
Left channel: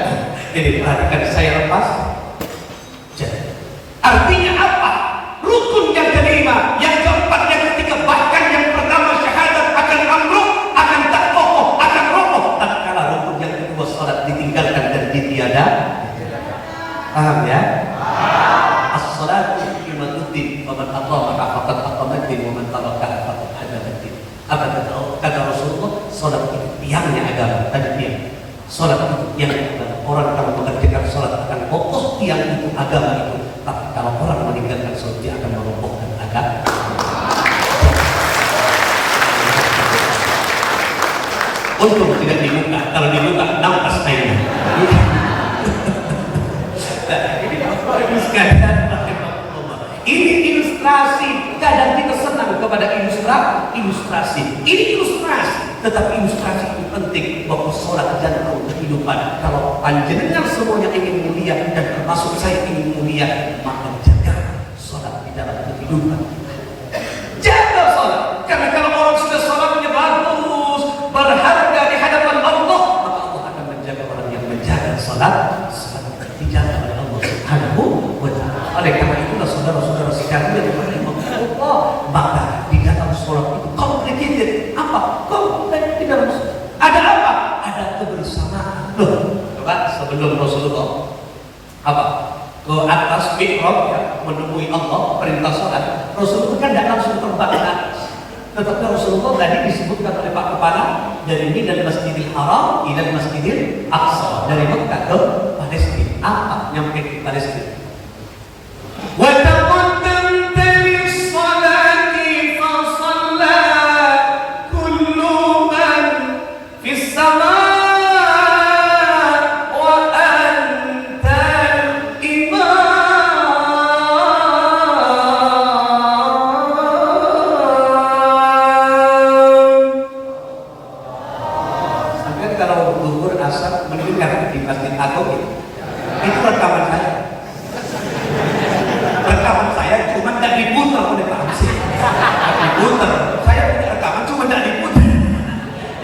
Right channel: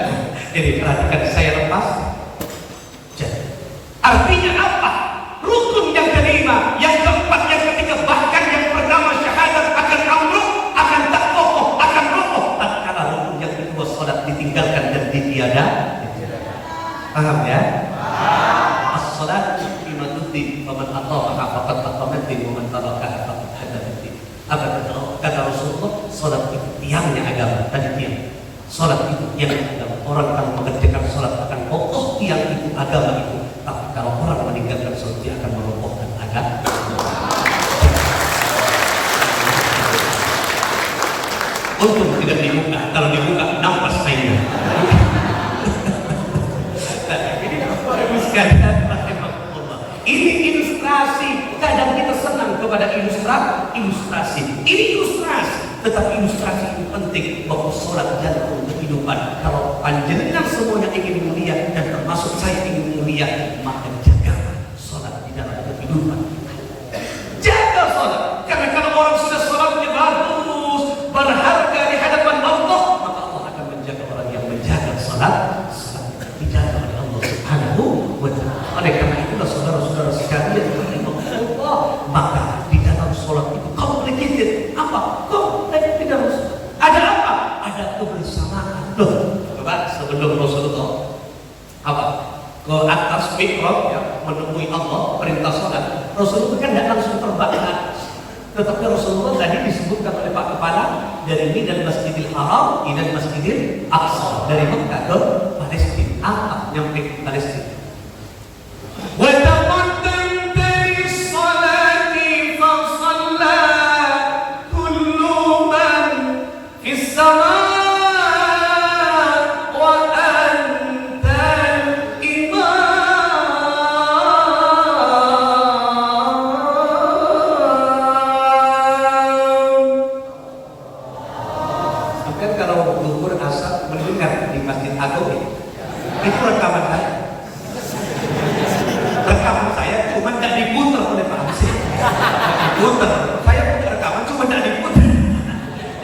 jadi perhatikan saya lepas. Artinya apa? Rukun yang kelima, yang keempat, yang ketiga, bahkan yang pertama syahadat akan amruk, akan terkokoh, akan kokoh. Tatkala rukun yang kedua sholat ditinggalkan dan ditiada. Paham ya? As-sholatu qimatuddin, wa man aqamaha faqad aqama ad-din, wa man tarakaha faqad hadama ad-din. Apa kata Rasulullah? Sholat itu tiangnya agama. Tadi dia. Sholat itu tiangnya agama. Orang kalau mengerjakan sholat Untung tidak dibuka, kalau dibuka nampak kainnya. Ini Bapak Ibu sekalian, ini ilustrasi. Kadang kita senang kepada ilustrasi. Ini ilustrasi, tetapi ilustrasi itu penting bahwa sholat jantung kehidupan. Kalau panjenengan semuanya ingin mulia dan termasuk saya ingin mulia, maka jaga sholat di dalam kehidupan. Jaga sholat, karena kalau orang sudah sholatnya bagus, berharga di hadapan Allah, maka Allah akan menjaga orang yang menjaga sholat dijaga oleh Allah Subhanahu wa Ta'ala. Oleh karena itulah saudara-saudara sekalian yang dimuliakan Allah, maka di dalam sholat itu complicated. Apa? Di dalam sholat ada apa? Ada kebersamaan. Loh, coba sebelum Rasulullah apa? Ke atas mihrab ya, menemui Allah, perintah sholat. Rasulullah kan tidak langsung terbang ke atas. Tetapi Rasulullah tadi disebutkan oleh Pak Kepala dari Mina Masjidil Haram ila Masjidil Aqsa, dari Mekah ke Palestina. Apa nyampe ke Palestina? Wa taqaddam dari salati fa shalla kullu man fis sama wa anta imam. Sampai kalau zuhur asar mendengar di Masjid Agung itu rekaman saya. Rekaman saya cuma tidak diputar oleh Pak Hamzah. Diputar. Saya punya rekaman cuma tidak diputar.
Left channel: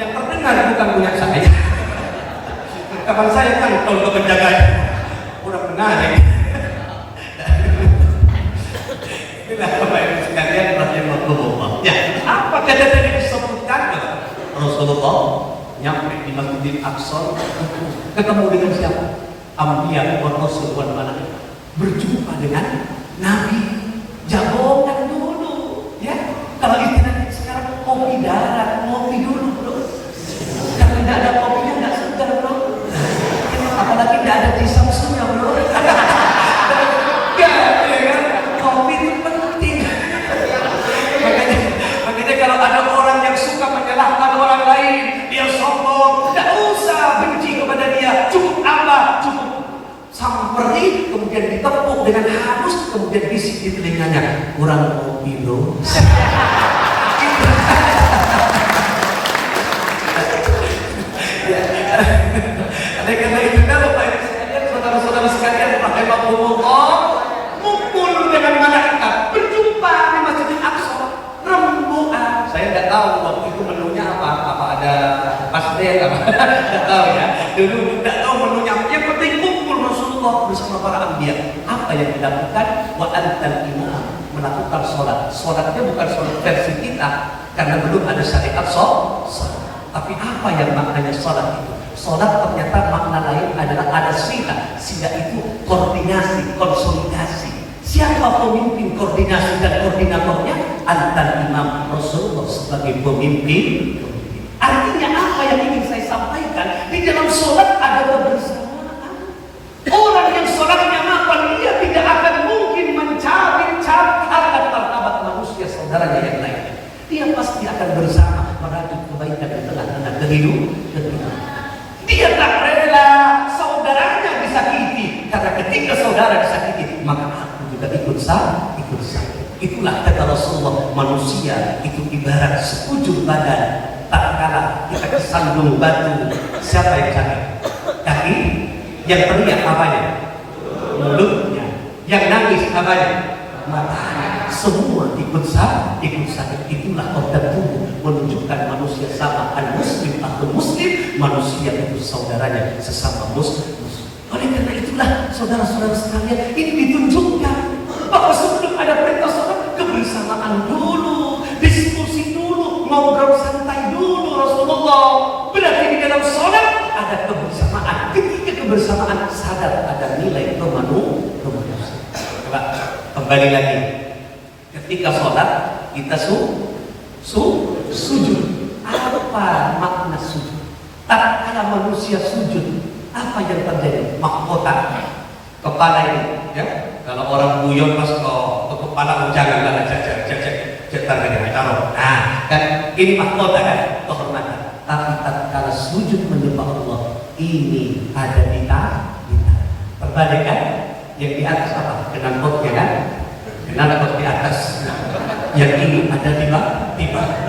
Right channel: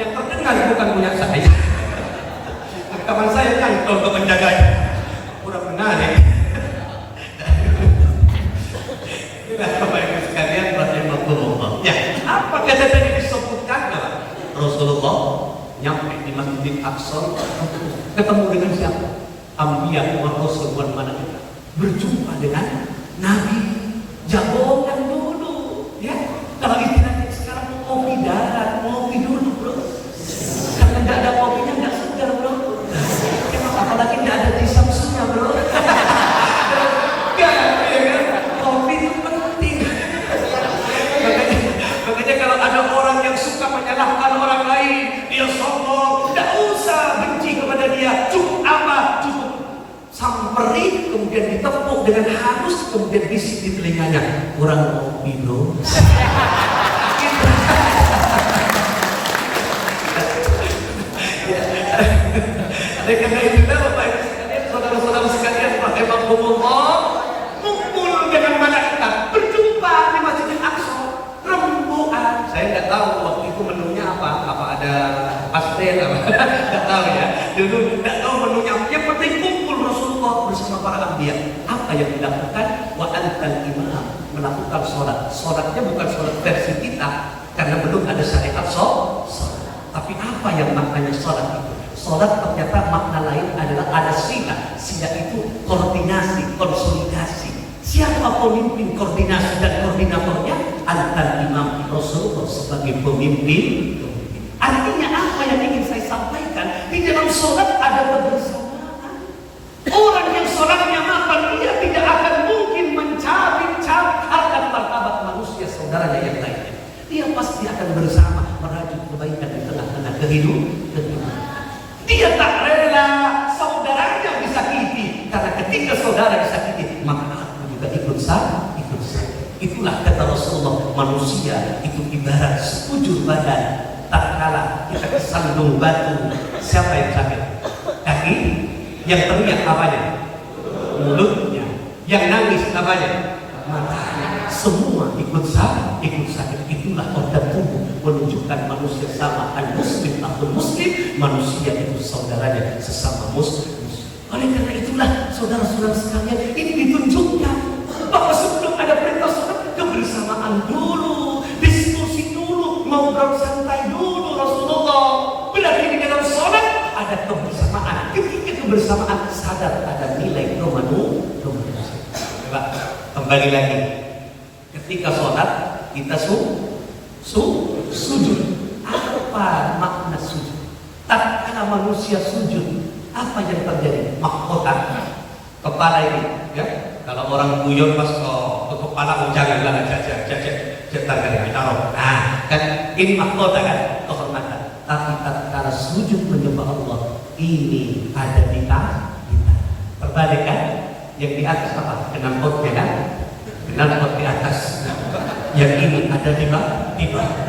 Yang terdengar bukan punya saya. Rekaman saya kan kalau ke penjaga kurang menarik. Inilah Bapak Ibu sekalian rahimahullah. Ya, apa kata tadi disebutkan Rasulullah nyampe di Masjidil Aqsa, ketemu dengan siapa? Anbiya wa rasul wal malaikat, berjumpa dengan Nabi. Jagoan dulu ya. Kalau istilahnya sekarang kopi darat, ngopi dulu bro. Kalau tidak ada kopinya tidak segar bro. Apalagi tidak ada disamsunya bro. Ya kan? Kopi itu penting. Makanya kalau ada orang yang suka menyalahkan orang lain, dia sombong, tidak usah benci kepada dia. Cukup apa? Cukup samperi, kemudian ditepuk dengan halus, kemudian bisik di telinganya, kurang kopi bro. Oleh karena itu Bapak Ibu sekalian, saudara-saudara sekalian, rahimahumullah, mukul dengan malaikat, berjumpa di Masjidil Aqsa, rembukan. Saya tidak tahu waktu itu menunya apa ada pastel apa, tidak tahu ya. Dulu tidak tahu menunya. Yang penting kumpul Rasulullah bersama para anbiya. Apa yang dilakukan? Wa antal imam, melakukan sholat. Sholatnya bukan sholat versi kita, karena belum ada syariat sholat. Tapi apa yang maknanya sholat itu? Sholat ternyata makna lain adalah ada sila. Sila itu koordinasi, konsolidasi. Siapa pemimpin koordinasi dan koordinatornya? Antal imam, Rasulullah sebagai pemimpin. Artinya apa yang ingin saya sampaikan? Di dalam sholat ada kebersamaan. Orang yang sholatnya mapan, dia tidak akan mungkin mencari-cari harta martabat manusia saudaranya yang lainnya. Dia pasti akan bersama merajut kebaikan di tengah-tengah kehidupan. Dia tak rela saudaranya disakiti, karena ketika saudara disakiti, maka aku juga ikut sakit. Itulah kata Rasulullah, manusia itu ibarat sekujur badan. Tak kalah kita kesandung batu, siapa yang sakit? Kaki. Yang teriak apanya? Mulutnya. Yang nangis apanya? Matanya. Semua ikut sakit. Itulah organ tubuh menunjukkan manusia sama. Al-muslim atau muslim, manusia itu saudaranya sesama muslim. Oleh karena itulah saudara-saudara sekalian, ini ditunjukkan bahwa sebelum ada perintah sholat, kebersamaan dulu, diskusi dulu, ngobrol santai dulu Rasulullah. Berarti di dalam sholat ada kebersamaan. Ketika kebersamaan sadar ada nilai kemanusiaan. Coba kembali lagi. Ketika sholat kita sujud. Apa makna sujud? Tatkala manusia sujud, apa yang terjadi? Mahkota kepala ini, ya. Kalau orang buyung pas ke kepala jangan cetar gede taruh. Nah, kan ini mahkota kan, kehormatan. Tapi tatkala sujud menyembah Allah, ini ada di tangan. Perbalikan, yang di atas apa? Knalpotnya kan? Knalpot di atas. Yang ini ada di bawah.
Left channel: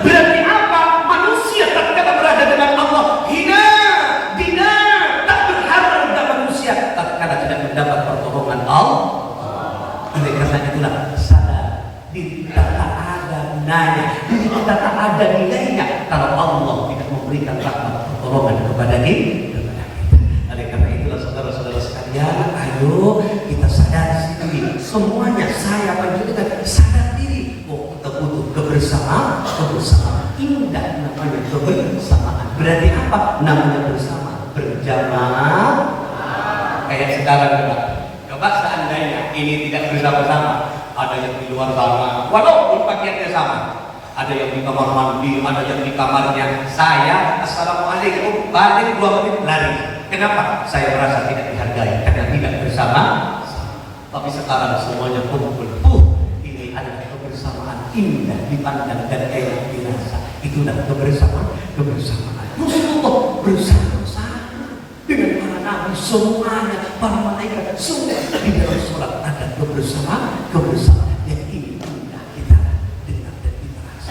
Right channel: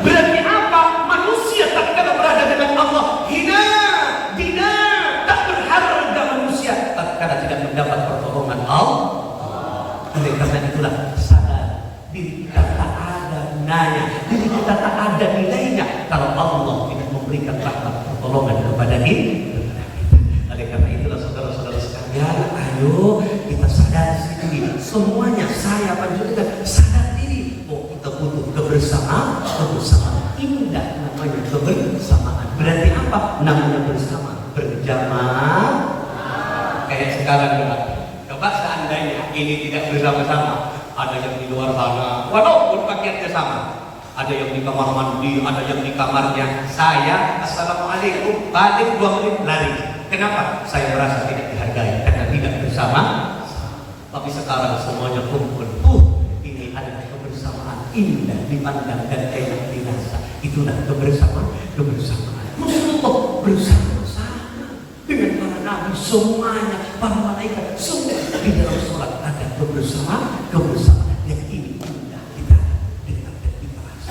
Berarti apa? Manusia tatkala berada dengan Allah hina, dina, tak berharga manusia tatkala tidak mendapat pertolongan Allah. Oleh karena itulah sadar diri kita tak ada gunanya, diri kita tak ada nilainya kalau Allah tidak memberikan rahmat pertolongan kepada kita. Oleh karena itulah saudara-saudara sekalian, ayo kita sadar diri. Semuanya saya panjatkan sadar diri. Oh, kita butuh kebersamaan. Indah namanya kebersamaan. Berarti apa? Namanya bersama, berjamaah. Kayak sekarang juga. Coba seandainya ini tidak bersama-sama, ada yang di luar sana, walaupun pakaiannya sama, ada yang di kamar mandi, ada yang di kamarnya. Saya assalamualaikum, balik 2 menit lari. Kenapa? Saya merasa tidak dihargai karena tidak bersama. Tapi sekarang semuanya kumpul. Ini adalah kebersamaan indah dipandang dan enak dirasa. Itulah kebersamaan. Rasulullah bersama-sama dengan para nabi semuanya, para malaikat semua di dalam surat ada kebersamaan yang ini indah kita dengar dan dirasa.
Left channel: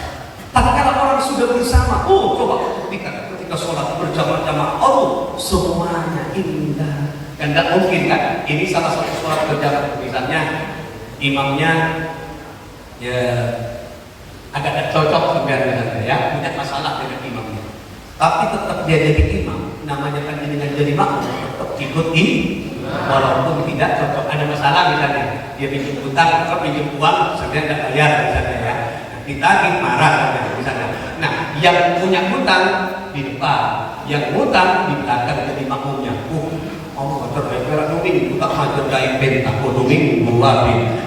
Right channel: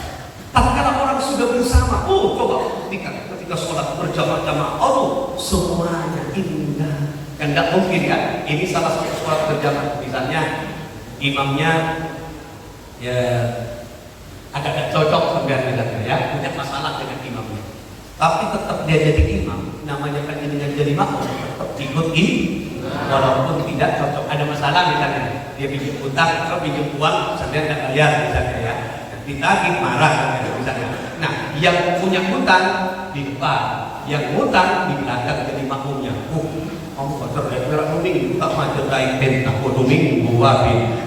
Tapi kalau orang sudah bersama, coba ketika sholat berjamaah, semuanya indah. Dan tidak mungkin kan? Ini salah satu sholat berjamaah. Misalnya imamnya ya agak cocok sebenarnya ya, punya masalah dengan imamnya. Tapi tetap dia jadi imam, namanya kan jadi makmum, tetap ikut ini. Walaupun tidak cocok, ada masalah misalnya, dia bikin utang atau pinjam uang, sebenarnya tidak bayar misalnya ya. Ditagih marah misalnya. Nah, yang punya utang di depan, yang utang di belakang jadi makmumnya. Kamu kata merah mungkin utang hajar dari bentang, minggu wabi.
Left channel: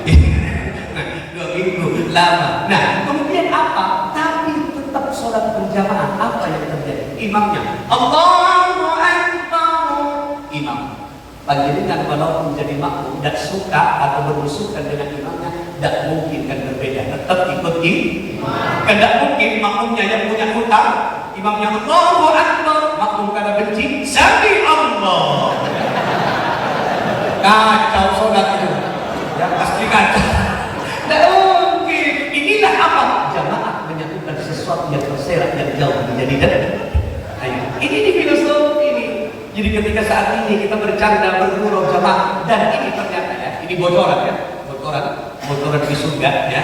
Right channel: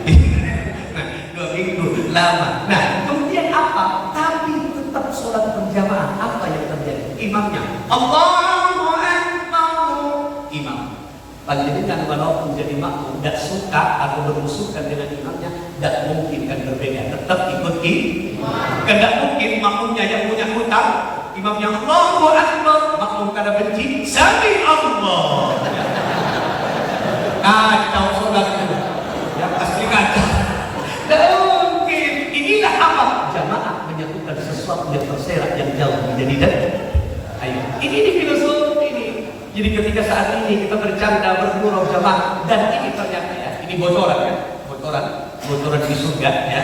Nah, 2 minggu lama. Nah, kemudian apa? Tapi tetap sholat berjamaah. Apa yang terjadi? Imamnya Allahu Akbar. Imam panjenengan kalau menjadi makmum tidak suka atau bermusukan dengan imamnya, tidak mungkin kan berbeda, tetap ikut imam. Tidak mungkin makmumnya yang punya hutang, imamnya Allahu Akbar, makmum karena benci sami Allah. Kacau sholat itu, yang asli kacau. Tidak mungkin. Inilah apa? Jamaah menyatukan sesuatu yang terserak yang jauh menjadi dekat. Ayo, ini di filosofi ini. Jadi ketika saat ini kita bercanda bergurau jamaah, dan ini ternyata ya, ini bocoran ya, bocoran di surga ya.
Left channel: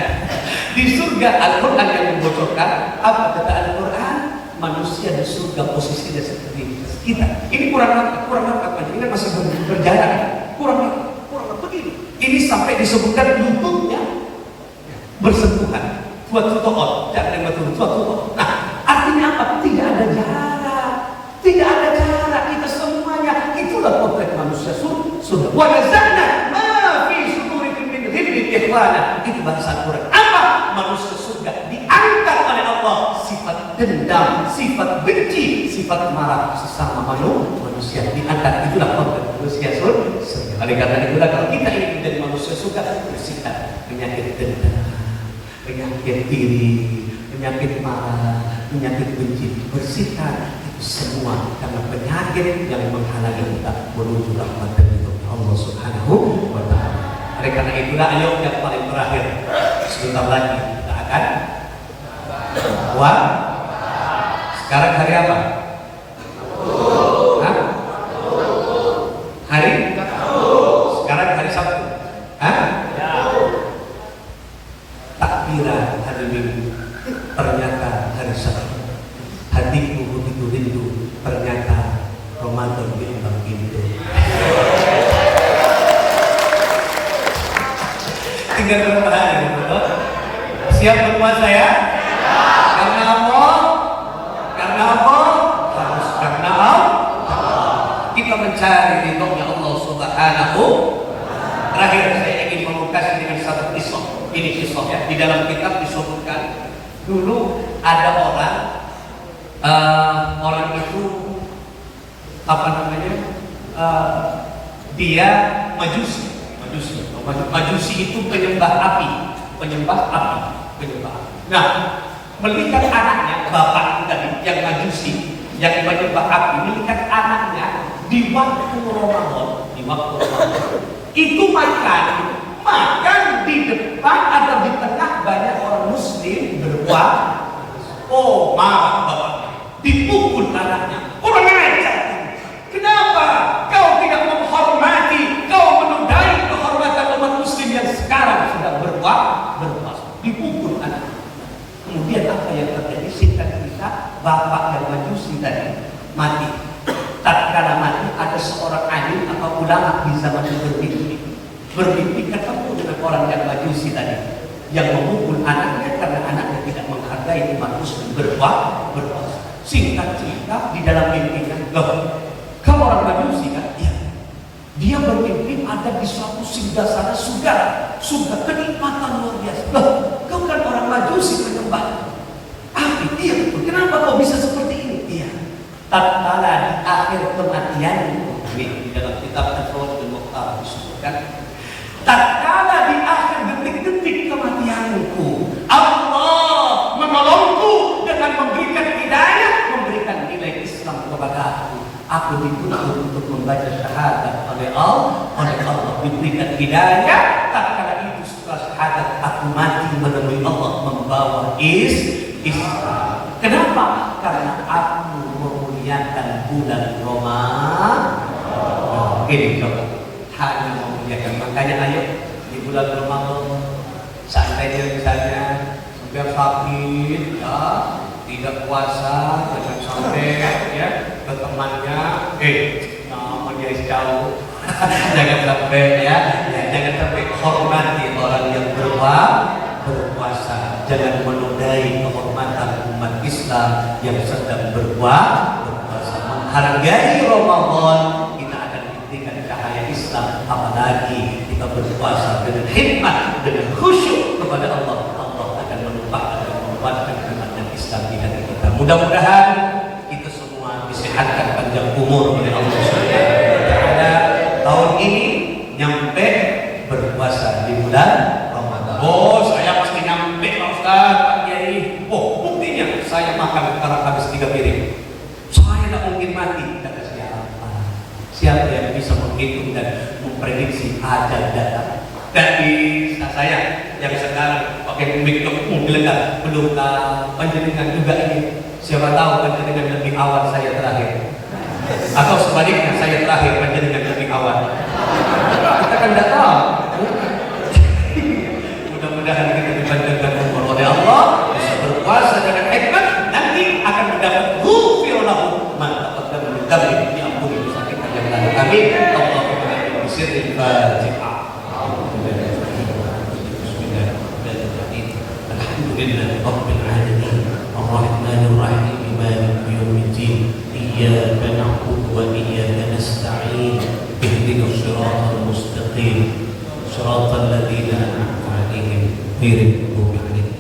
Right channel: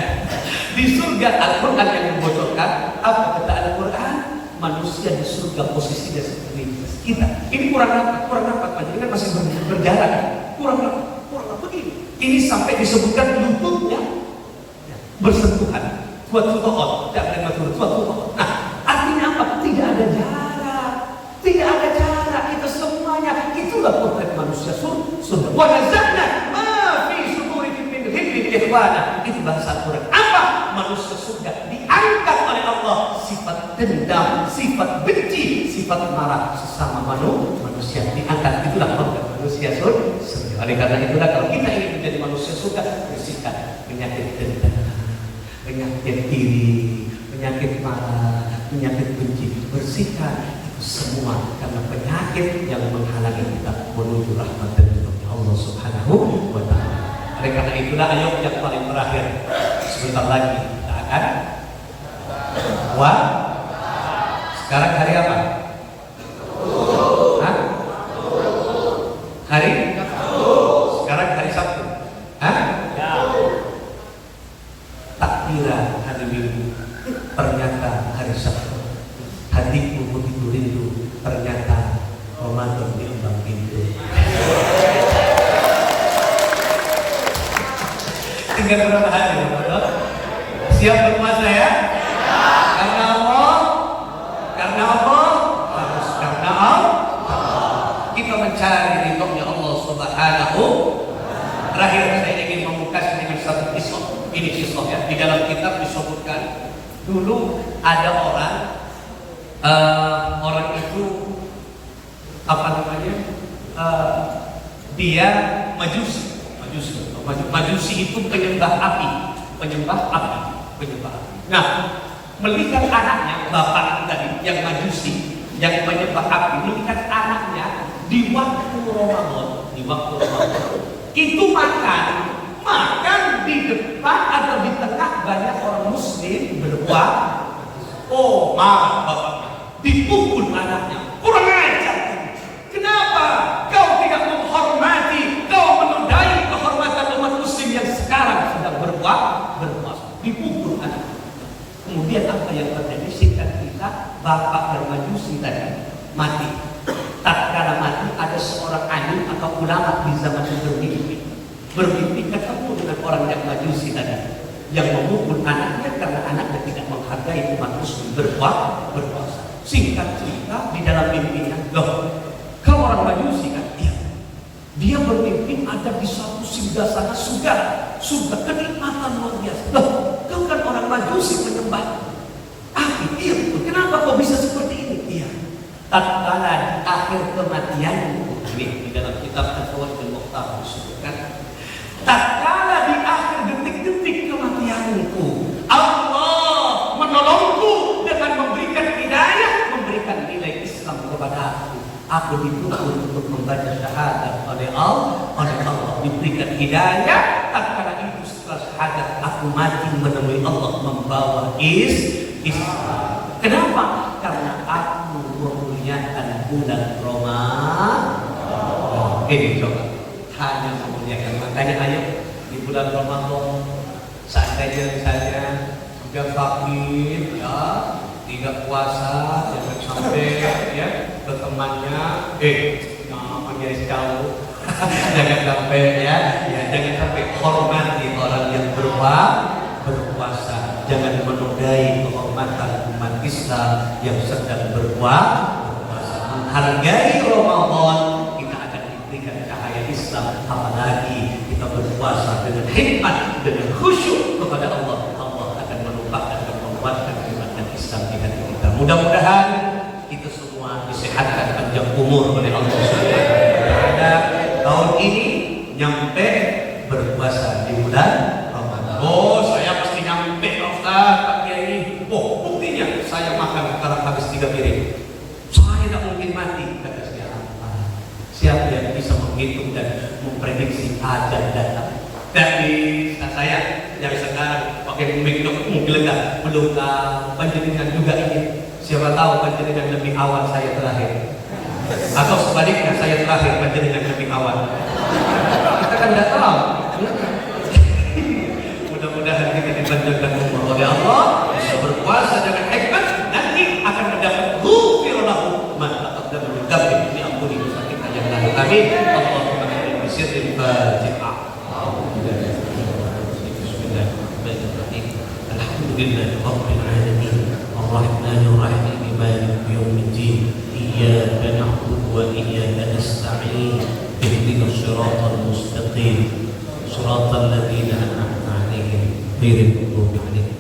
Di surga Al-Quran yang membocorkan apa kata Al-Quran? Manusia di surga posisinya seperti kita. Ini kurang apa? Ini masih berjalan. Kurang begini. Ini sampai disebutkan lututnya bersentuhan. Tuat-tuat, jangan tuat-tuat. Nah, artinya apa? Tidak ada jarak. Kita semuanya itulah potret manusia surga. Wa nazalna ma fi sudurikum min ghillin ikhwana. Itu bahasa Quran. Apa? Manusia surga diangkat oleh Allah sifat dendam, sifat benci, sifat marah sesama manusia diangkat. Itulah potret manusia surga. Oleh karena itulah kalau kita ingin menjadi manusia surga, bersihkan penyakit dendam, penyakit iri, penyakit marah, penyakit benci, bersihkan semua karena penyakit yang menghalangi kita menuju rahmat dari Allah Subhanahu wa Ta'ala. Oleh karena itulah ayo yang paling terakhir, sebentar lagi kita akan sekarang hari apa? Hari? Sekarang hari Sabtu. Takbiran hari Minggu, ternyata hari Sabtu. Hatiku begitu rindu, ternyata Ramadan bimbang pintu. Tinggal berapa hari, betul? Siap berpuasa ya? Karena Allah, karena Allah. Kita mencari ridhonya Allah Subhanahu. Terakhir saya ingin membuka dengan satu kisah. Ini kisah ya. Di dalam kitab disebutkan dulu ada orang itu apa namanya? Dia majusi itu penyembah api. Nah, melihat anaknya bapak tadi yang majusi yang penyembah api Ramadan, di waktu Ramadan itu makan di depan atau di tengah banyak orang muslim berbuat. Oh, maaf, dipukul anaknya. Kurang ajar. Kenapa kau tidak menghormati, kau menodai kehormatan umat muslim yang sekarang sudah berpuasa? Dipukul anaknya. Kemudian apa yang terjadi? Singkat cerita, bapak yang majusi tadi mati. Tatkala mati, ada seorang alim atau ulama di zaman bermimpi ketemu dengan orang yang majusi tadi yang memukul anaknya karena anaknya tidak menghargai umat muslim berpuasa. Singkat cerita, di dalam mimpinya, loh, kau orang majusi kan? Iya. Dia bermimpi ada di suatu singgasana surga kenikmatan luar biasa. Loh, kau kan orang majusi penyembah api. Iya, kenapa kau bisa seperti ini? Iya. Tatkala di akhir kematian, di dalam kitab Al-Fawaidul Mukhtar disebutkan, tatkala di akhir detik-detik kematianku, Allah menolongku dengan memberikan hidayah, memberikan nilai Islam kepada aku. Aku dituntut untuk membaca syahadat oleh Allah, diberikan hidayah. Tatkala itu setelah syahadat aku mati menemui Allah membawa Islam. Kenapa? Karena aku memuliakan bulan Ramadan. Ini coba, hanya memuliakan. Makanya ayo di bulan Ramadan, seandainya misalnya sudah sakit, ya, tidak puasa, jangan sampai ya ke temannya, namanya jauh, jangan sampai ya, jangan sampai hormati orang yang berpuasa, jangan menodai kehormatan umat Islam yang sedang berpuasa. Menghargai Ramadan, kita akan diberikan cahaya Islam, apalagi kita berpuasa dengan hikmat, dengan khusyuk kepada Allah. Allah akan melupakan dan menguatkan keimanan Islam di hati kita. Mudah-mudahan kita semua disehatkan panjang umur oleh Allah Subhanahu wa taala. Tahun ini nyampe berpuasa di bulan Ramadan. Oh, saya pasti nyampe, Ustaz, Pak Kiai. Oh, buktinya saya makan sekarang habis 3 piring. Saya tidak mungkin mati, kata siapa? Siapa yang bisa menghitung dan memprediksi ajal datang? Dari saya yang sekarang pakai mobil lega, belum tahu panjenengan juga ini. Siapa tahu panjenengan lebih awal saya terakhir, atau sebaliknya saya terakhir panjenengan lebih awal. Kita kan tidak tahu. Mudah-mudahan kita dipanjangkan umur oleh Allah, bisa berpuasa dengan hikmat, nanti akan mendapat ghufir lahu ma taqaddama min dhanbihi, diampuni dosa kita yang lalu. Amin. Allahumma amin. Bisirril Fatihah. Bismillahirrahmanirrahim. Alhamdulillahi rabbil alamin. Ar-Rahmanir Rahim. Maliki yaumiddin. Iyyaka na'budu wa iyyaka nasta'in. Ihdinas siratal mustaqim. Siratal ladzina an'amta 'alaihim ghairil maghdubi 'alaihim.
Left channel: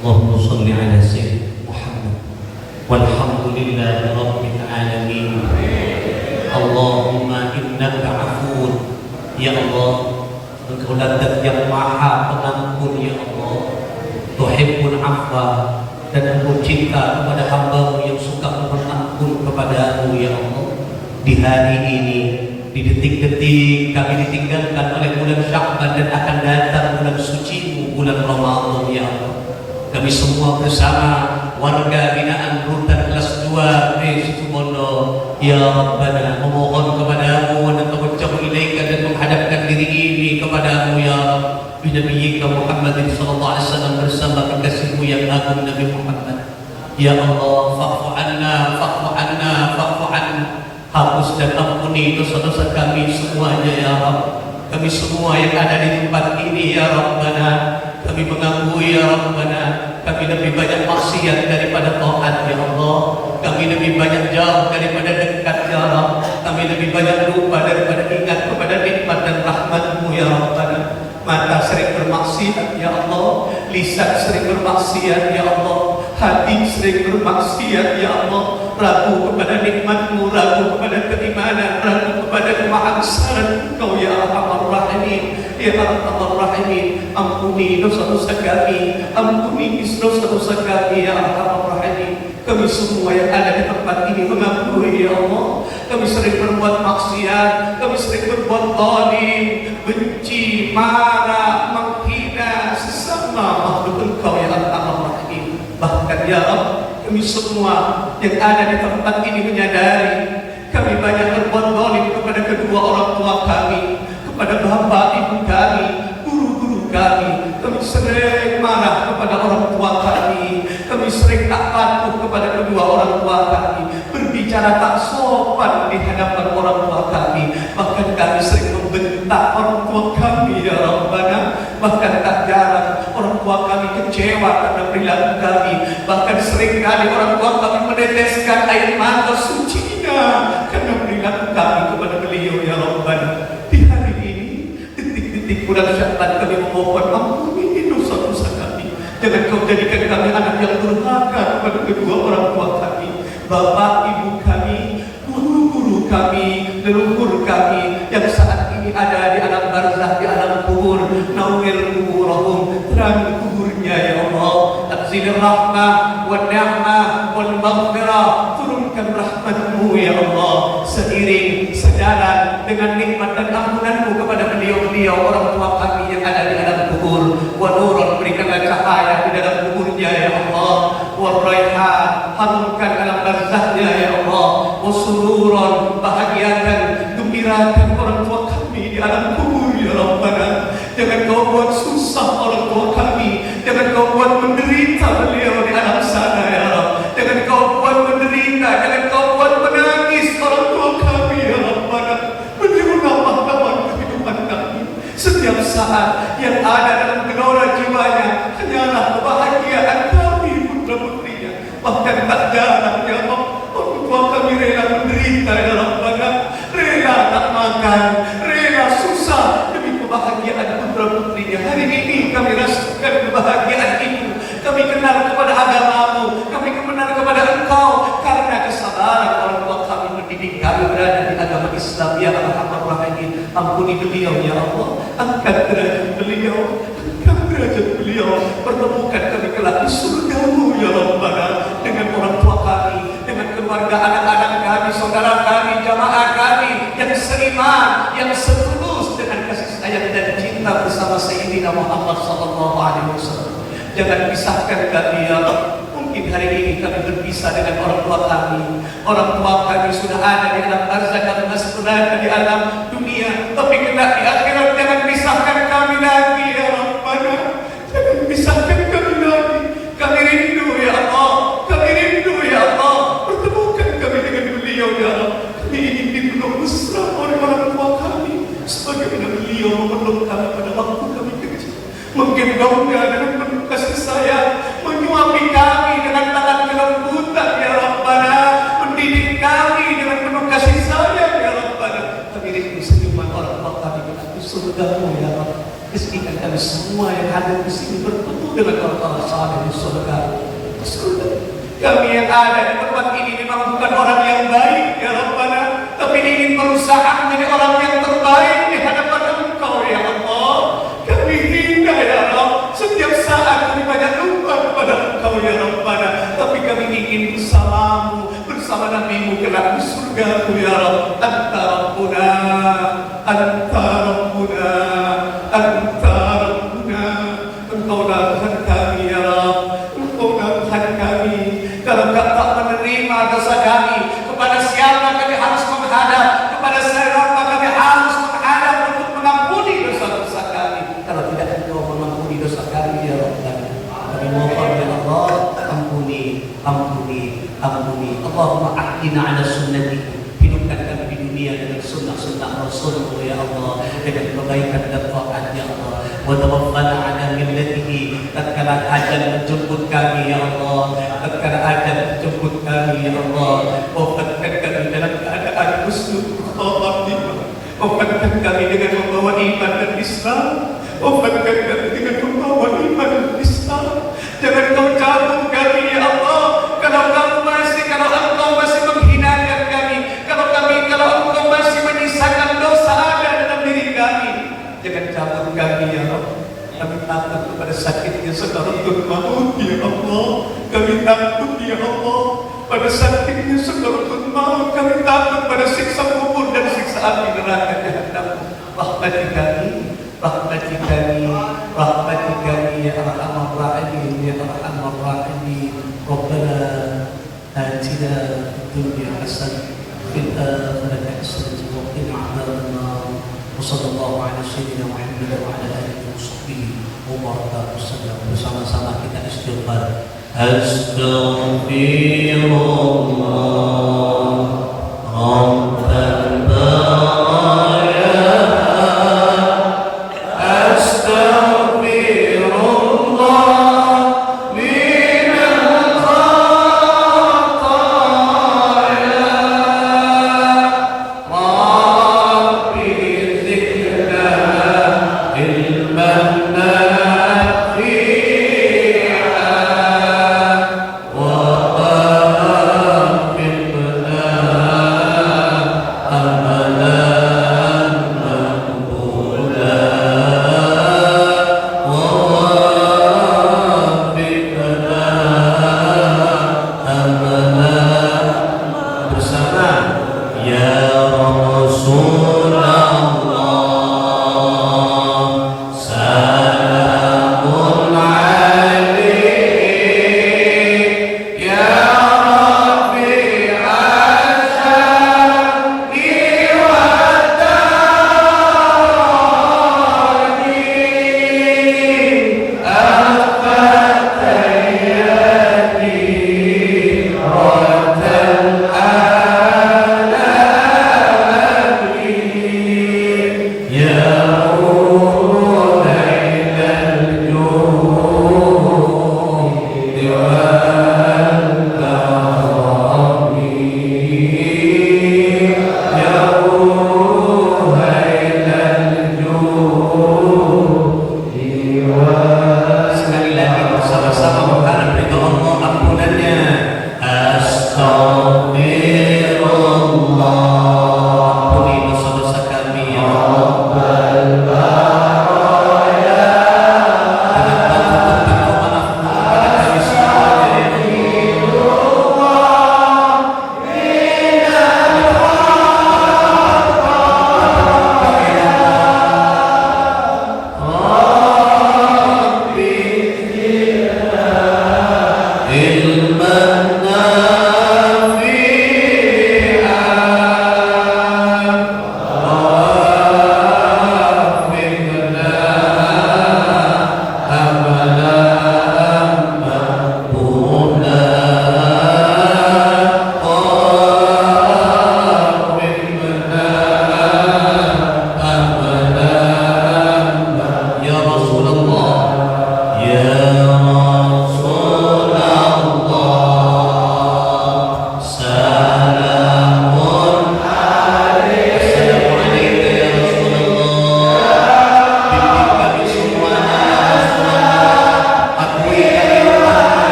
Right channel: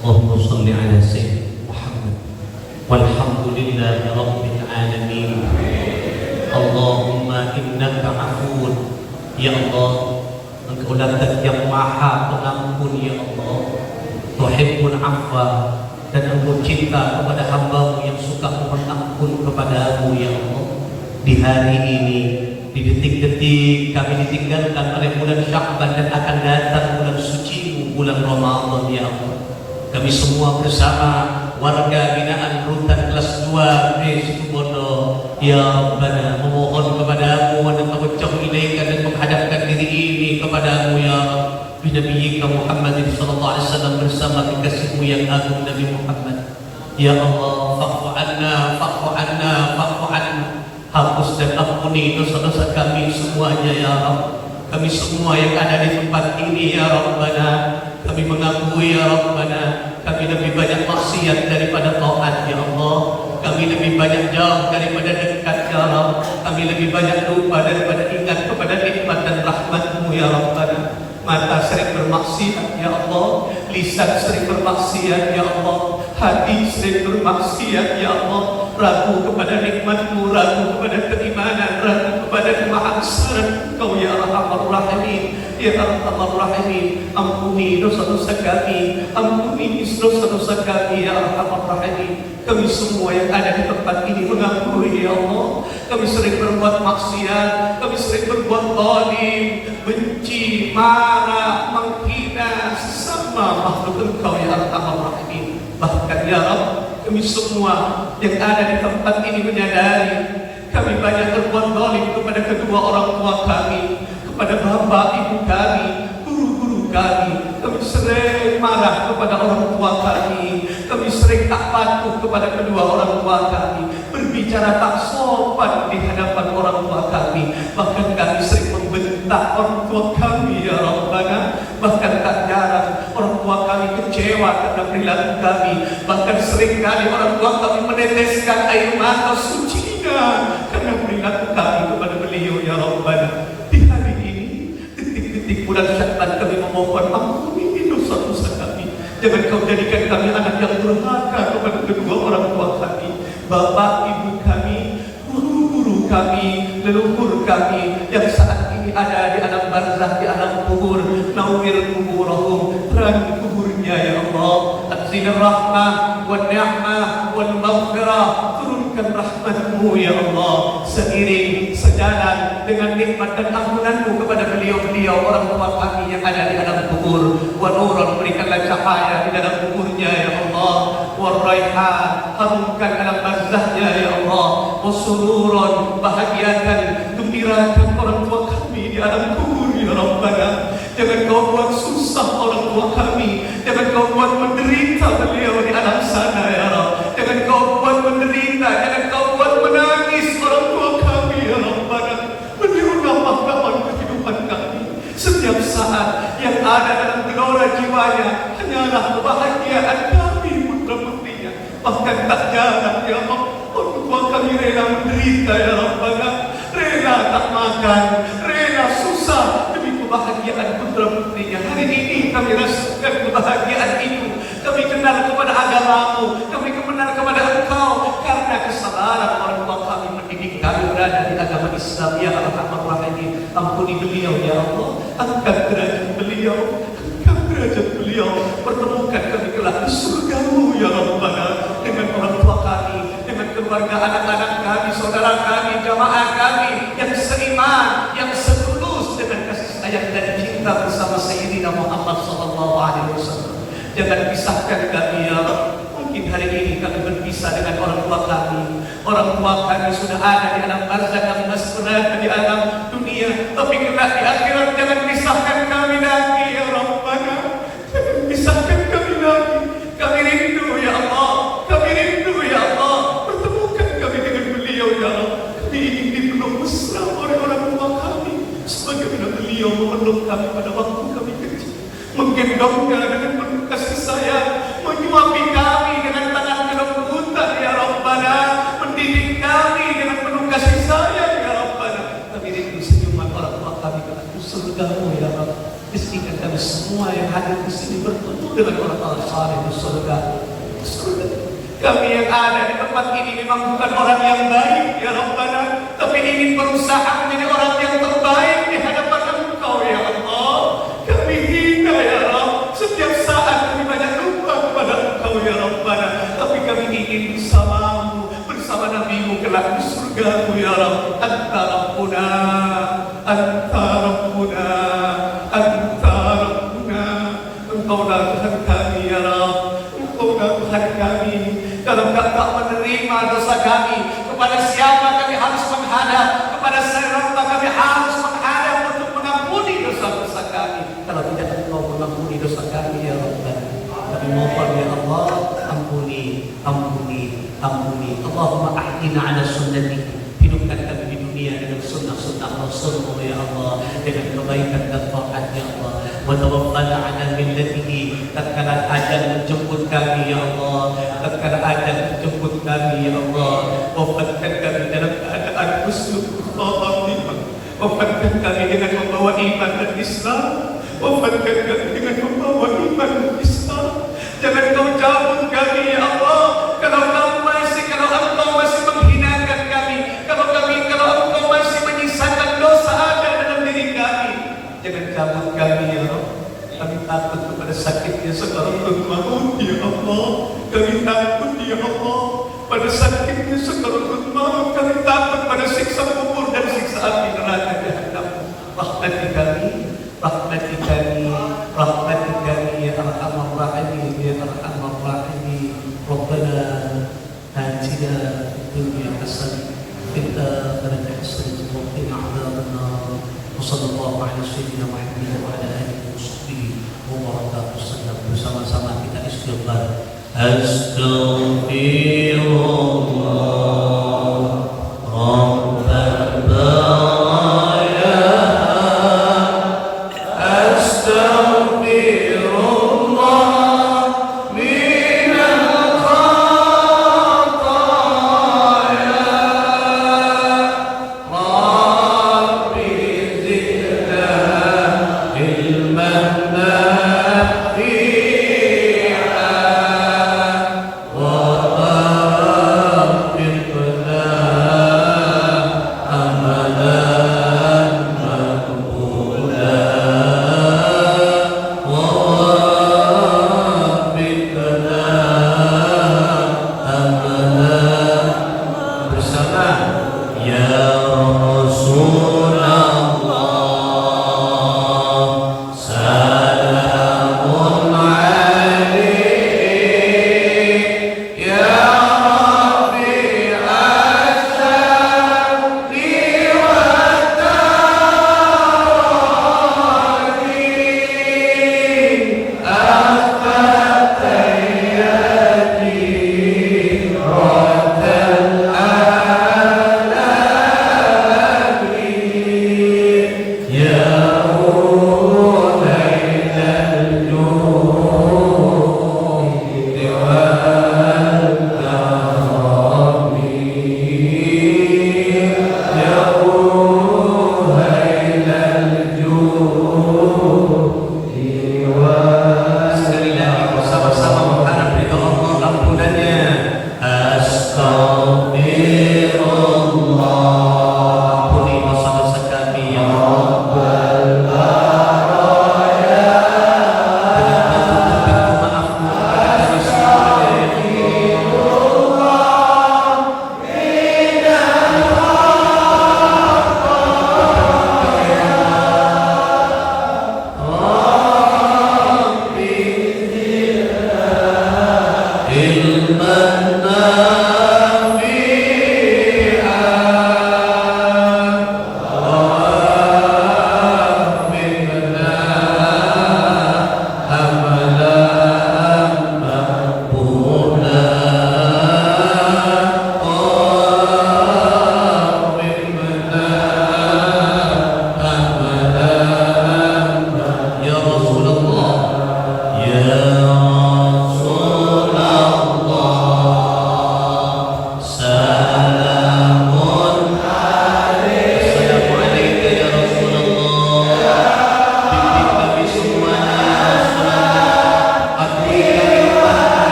Allahumma shalli 'ala sayyidina Muhammad. Walhamdulillahi rabbil alamin. Allahumma innaka 'afuwwun, ya Allah, Engkau zat yang maha pengampun, ya Allah. Tuhibbul 'afwa, dan Engkau cinta kepada hamba-Mu yang suka berampun kepadamu, ya Allah. Di hari ini, di detik-detik kami ditinggalkan oleh bulan Sya'ban dan akan datang bulan suci bulan Ramadan, ya Allah. Kami semua bersama warga binaan Rutan kelas 2 Situbondo, ya Rabbana, memohon kepadamu dan mengucap ilaika dan menghadapkan diri ini kepadamu, ya Nabi Muhammad sallallahu alaihi wasallam bersama kekasihmu yang agung Nabi Muhammad. Ya Allah, fa'fu anna, fa'fu anna, fa'fu anna. Hapus dan ampuni dosa-dosa kami semuanya, ya Rabb. Kami semua yang ada di tempat ini, ya Rabbana, kami mengakui, ya Rabbana, kami lebih banyak maksiat daripada taat, ya Allah. Kami lebih banyak jauh daripada dekat, ya Rabb. Kami lebih banyak lupa daripada ingat kepada nikmat dan rahmat-Mu, ya Rabbana. Mata sering bermaksiat, ya Allah. Lisan sering bermaksiat, ya Allah. Hati sering bermaksiat, ya Allah. Ragu kepada nikmat-Mu, ragu kepada keimanan, ragu kepada kemahasan Engkau, ya Arhamar Rahimin, ya Arhamar Rahimin. Ampuni dosa-dosa kami, ampuni dosa-dosa kami, ya Arhamar Rahimin. Kami semua yang ada di tempat ini mengakui, ya Allah. Kami sering berbuat maksiat, kami sering berbuat zalim, benci, marah, menghina sesama makhluk Engkau yang Arhamar Rahim. Bahkan ya Rabb, kami semua yang ada di tempat ini menyadari kami banyak berbuat zalim kepada kedua orang tua kami, kepada bapak ibu kami, guru-guru kami. Kami sering marah kepada orang tua kami, kami sering tak patuh kepada kedua orang tua kami, berbicara tak sopan di hadapan orang tua kami. Bahkan kami sering membentak orang tua kami ya Rabbana. Bahkan tak jarang orang tua kami kecewa karena perilaku kami. Bahkan seringkali orang tua kami meneteskan air mata sucinya karena perilaku kami kepada beliau ya Rabbana. Di hari ini, detik-detik bulan Sya'ban kami memohon ampuni dosa-dosa kami. Jangan kau jadikan kami anak yang durhaka kepada kedua orang tua kami, bapak ibu kami, guru-guru kami, leluhur kami yang saat ini ada di alam barzah, di alam kubur. Nawwir kuburahum, terang kuburnya ya Allah. Anzil rahmah wa ni'mah wal maghfirah, turunkan rahmatmu ya Allah. Seiring sejalan dengan nikmat dan ampunanmu kepada beliau-beliau orang tua kami yang ada di alam kubur. Wa nurun, berikanlah cahaya di dalam kuburnya ya Allah. Wa raihan, harumkan dalam barzahnya ya Allah. Wa sururun, bahagiakan, gembirakan orang tua kami di alam kubur ya Rabbana. Jangan kau buat susah orang tua kami, jangan kau buat menderita beliau di alam sana ya Rabb. Jangan kau buat menderita, jangan kau buat menangis orang tua kami ya Rabbana. Beliau nama-nama kehidupan kami. Setiap saat yang ada dalam gelora jiwanya hanyalah kebahagiaan kami putra-putrinya. Bahkan tak jarang ya Allah, orang tua kami rela menderita ya Rabbana, rela tak makan, rela susah demi kebahagiaan putra-putrinya. Hari ini kami rasakan kebahagiaan itu. Kami kenal kepada agamamu, kami kenal kepada Engkau karena kesabaran orang tua kami mendidik kami berada di agama Islam ya Arhamar Rahimin. Ampuni beliau ya Allah, angkat derajat beliau, angkat derajat beliau, pertemukan kami kelak di surgamu ya Rabbana dengan orang tua kami, dengan keluarga, anak-anak kami, saudara kami, jamaah kami yang seiman, yang setulus dengan kasih sayang dan cinta bersama Sayyidina Muhammad SAW. Jangan pisahkan kami ya Allah. Mungkin hari ini kami berpisah dengan orang tua kami. Orang tua kami sudah ada di alam barzah, kami masih berada di alam dunia. Tapi kelak di akhirat jangan pisahkan kami lagi ya Rabbana. Jangan pisahkan kami lagi. Kami rindu ya Allah, kami rindu ya Allah. Pertemukan kami dengan beliau ya Allah. Kami ingin dipeluk mesra oleh orang tua kami, sebagaimana beliau memeluk kami pada waktu kami kecil, menggendongnya dengan penuh kasih sayang, menyuapi kami dengan tangan kelembutan ya Rabbana, mendidik kami dengan penuh kasih sayang ya Rabbana. Kami rindu senyuman orang tua kami di surgamu ya Rabb. Izinkan kami semua yang hadir di sini bertemu dengan orang-orang saleh di surga. Kami yang ada di tempat ini memang bukan orang yang baik ya Rabbana, tapi ingin berusaha menjadi orang yang terbaik di hadapan Engkau ya Allah. Kami hina ya Rabb, setiap saat kami banyak lupa kepada Engkau ya Rabbana, tapi kami ingin bersamamu, bersama Nabi-Mu kelak di surgamu ya Rabb. Anta Rabbuna, Anta Rabbuna, Anta Rabbuna. Engkaulah Tuhan kami ya Rabb, Engkaulah Tuhan kami. Kalau tak menerima dosa kami, kepada siapa kami harus menghadap? Kepada siapa kami harus menghadap untuk mengampuni dosa-dosa kami? Kalau tidak Engkau mengampuni dosa kami ya Rabbana, kami mohon ya Allah, ampuni, ampuni, ampuni. Allahumma ahdina ala sunnatihi, hidupkan kami di dunia dengan sunnah-sunnah Rasulullah ya Allah, dengan kebaikan dan taat ya Allah. Wa tawaffana ala millatihi, tatkala ajal menjemput kami ya Allah, tatkala ajal menjemput kami ya Allah, wafatkan kami dalam keadaan husnul khatimah, wafatkan kami dengan membawa iman dan Islam, wafatkan kami dengan membawa iman dan Islam. Jangan kau cabut kami ya Allah. Kalau Engkau masih menghinakan kami, kalau Engkau masih menyisakan dosa ada dalam diri kami, jangan cabut kami ya Allah. Kami takut kepada sakitnya sebab maut ya Allah. Kami takut ya Allah pada sakitnya sekaratul maut, kami takut pada siksa kubur dan siksa api neraka jahanam. Rahmati kami, rahmati kami, rahmati kami ya arhamar rahimin ya arhamar rahimin. Rabbana atina fid dunya hasanah wa fil akhirati hasanah wa qina adzaban nar. Wa sallallahu ala sayyidina Muhammad wa ala alihi wa sahbihi wa baraka wasallam. Bersama-sama kita istighfar.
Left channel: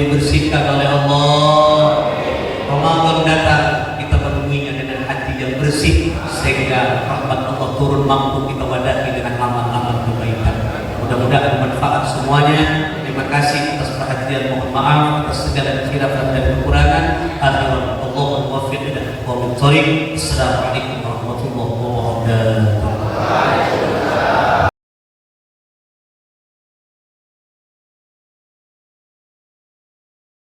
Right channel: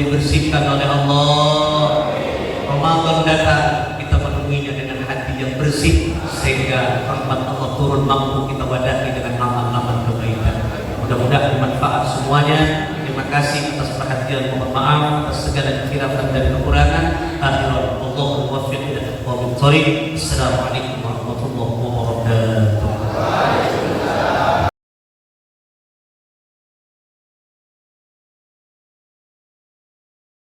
dibersihkan oleh Allah. Ramadan datang, kita menemuinya dengan hati yang bersih, sehingga rahmat Allah turun mampu kita wadahi dengan amal-amal kebaikan. Mudah-mudahan bermanfaat semuanya. Terima kasih atas perhatian, mohon maaf atas segala kekhilafan dan kekurangan. Akhirul Allah muwaffiq ila aqwamit thoriq. Assalamualaikum warahmatullahi wabarakatuh.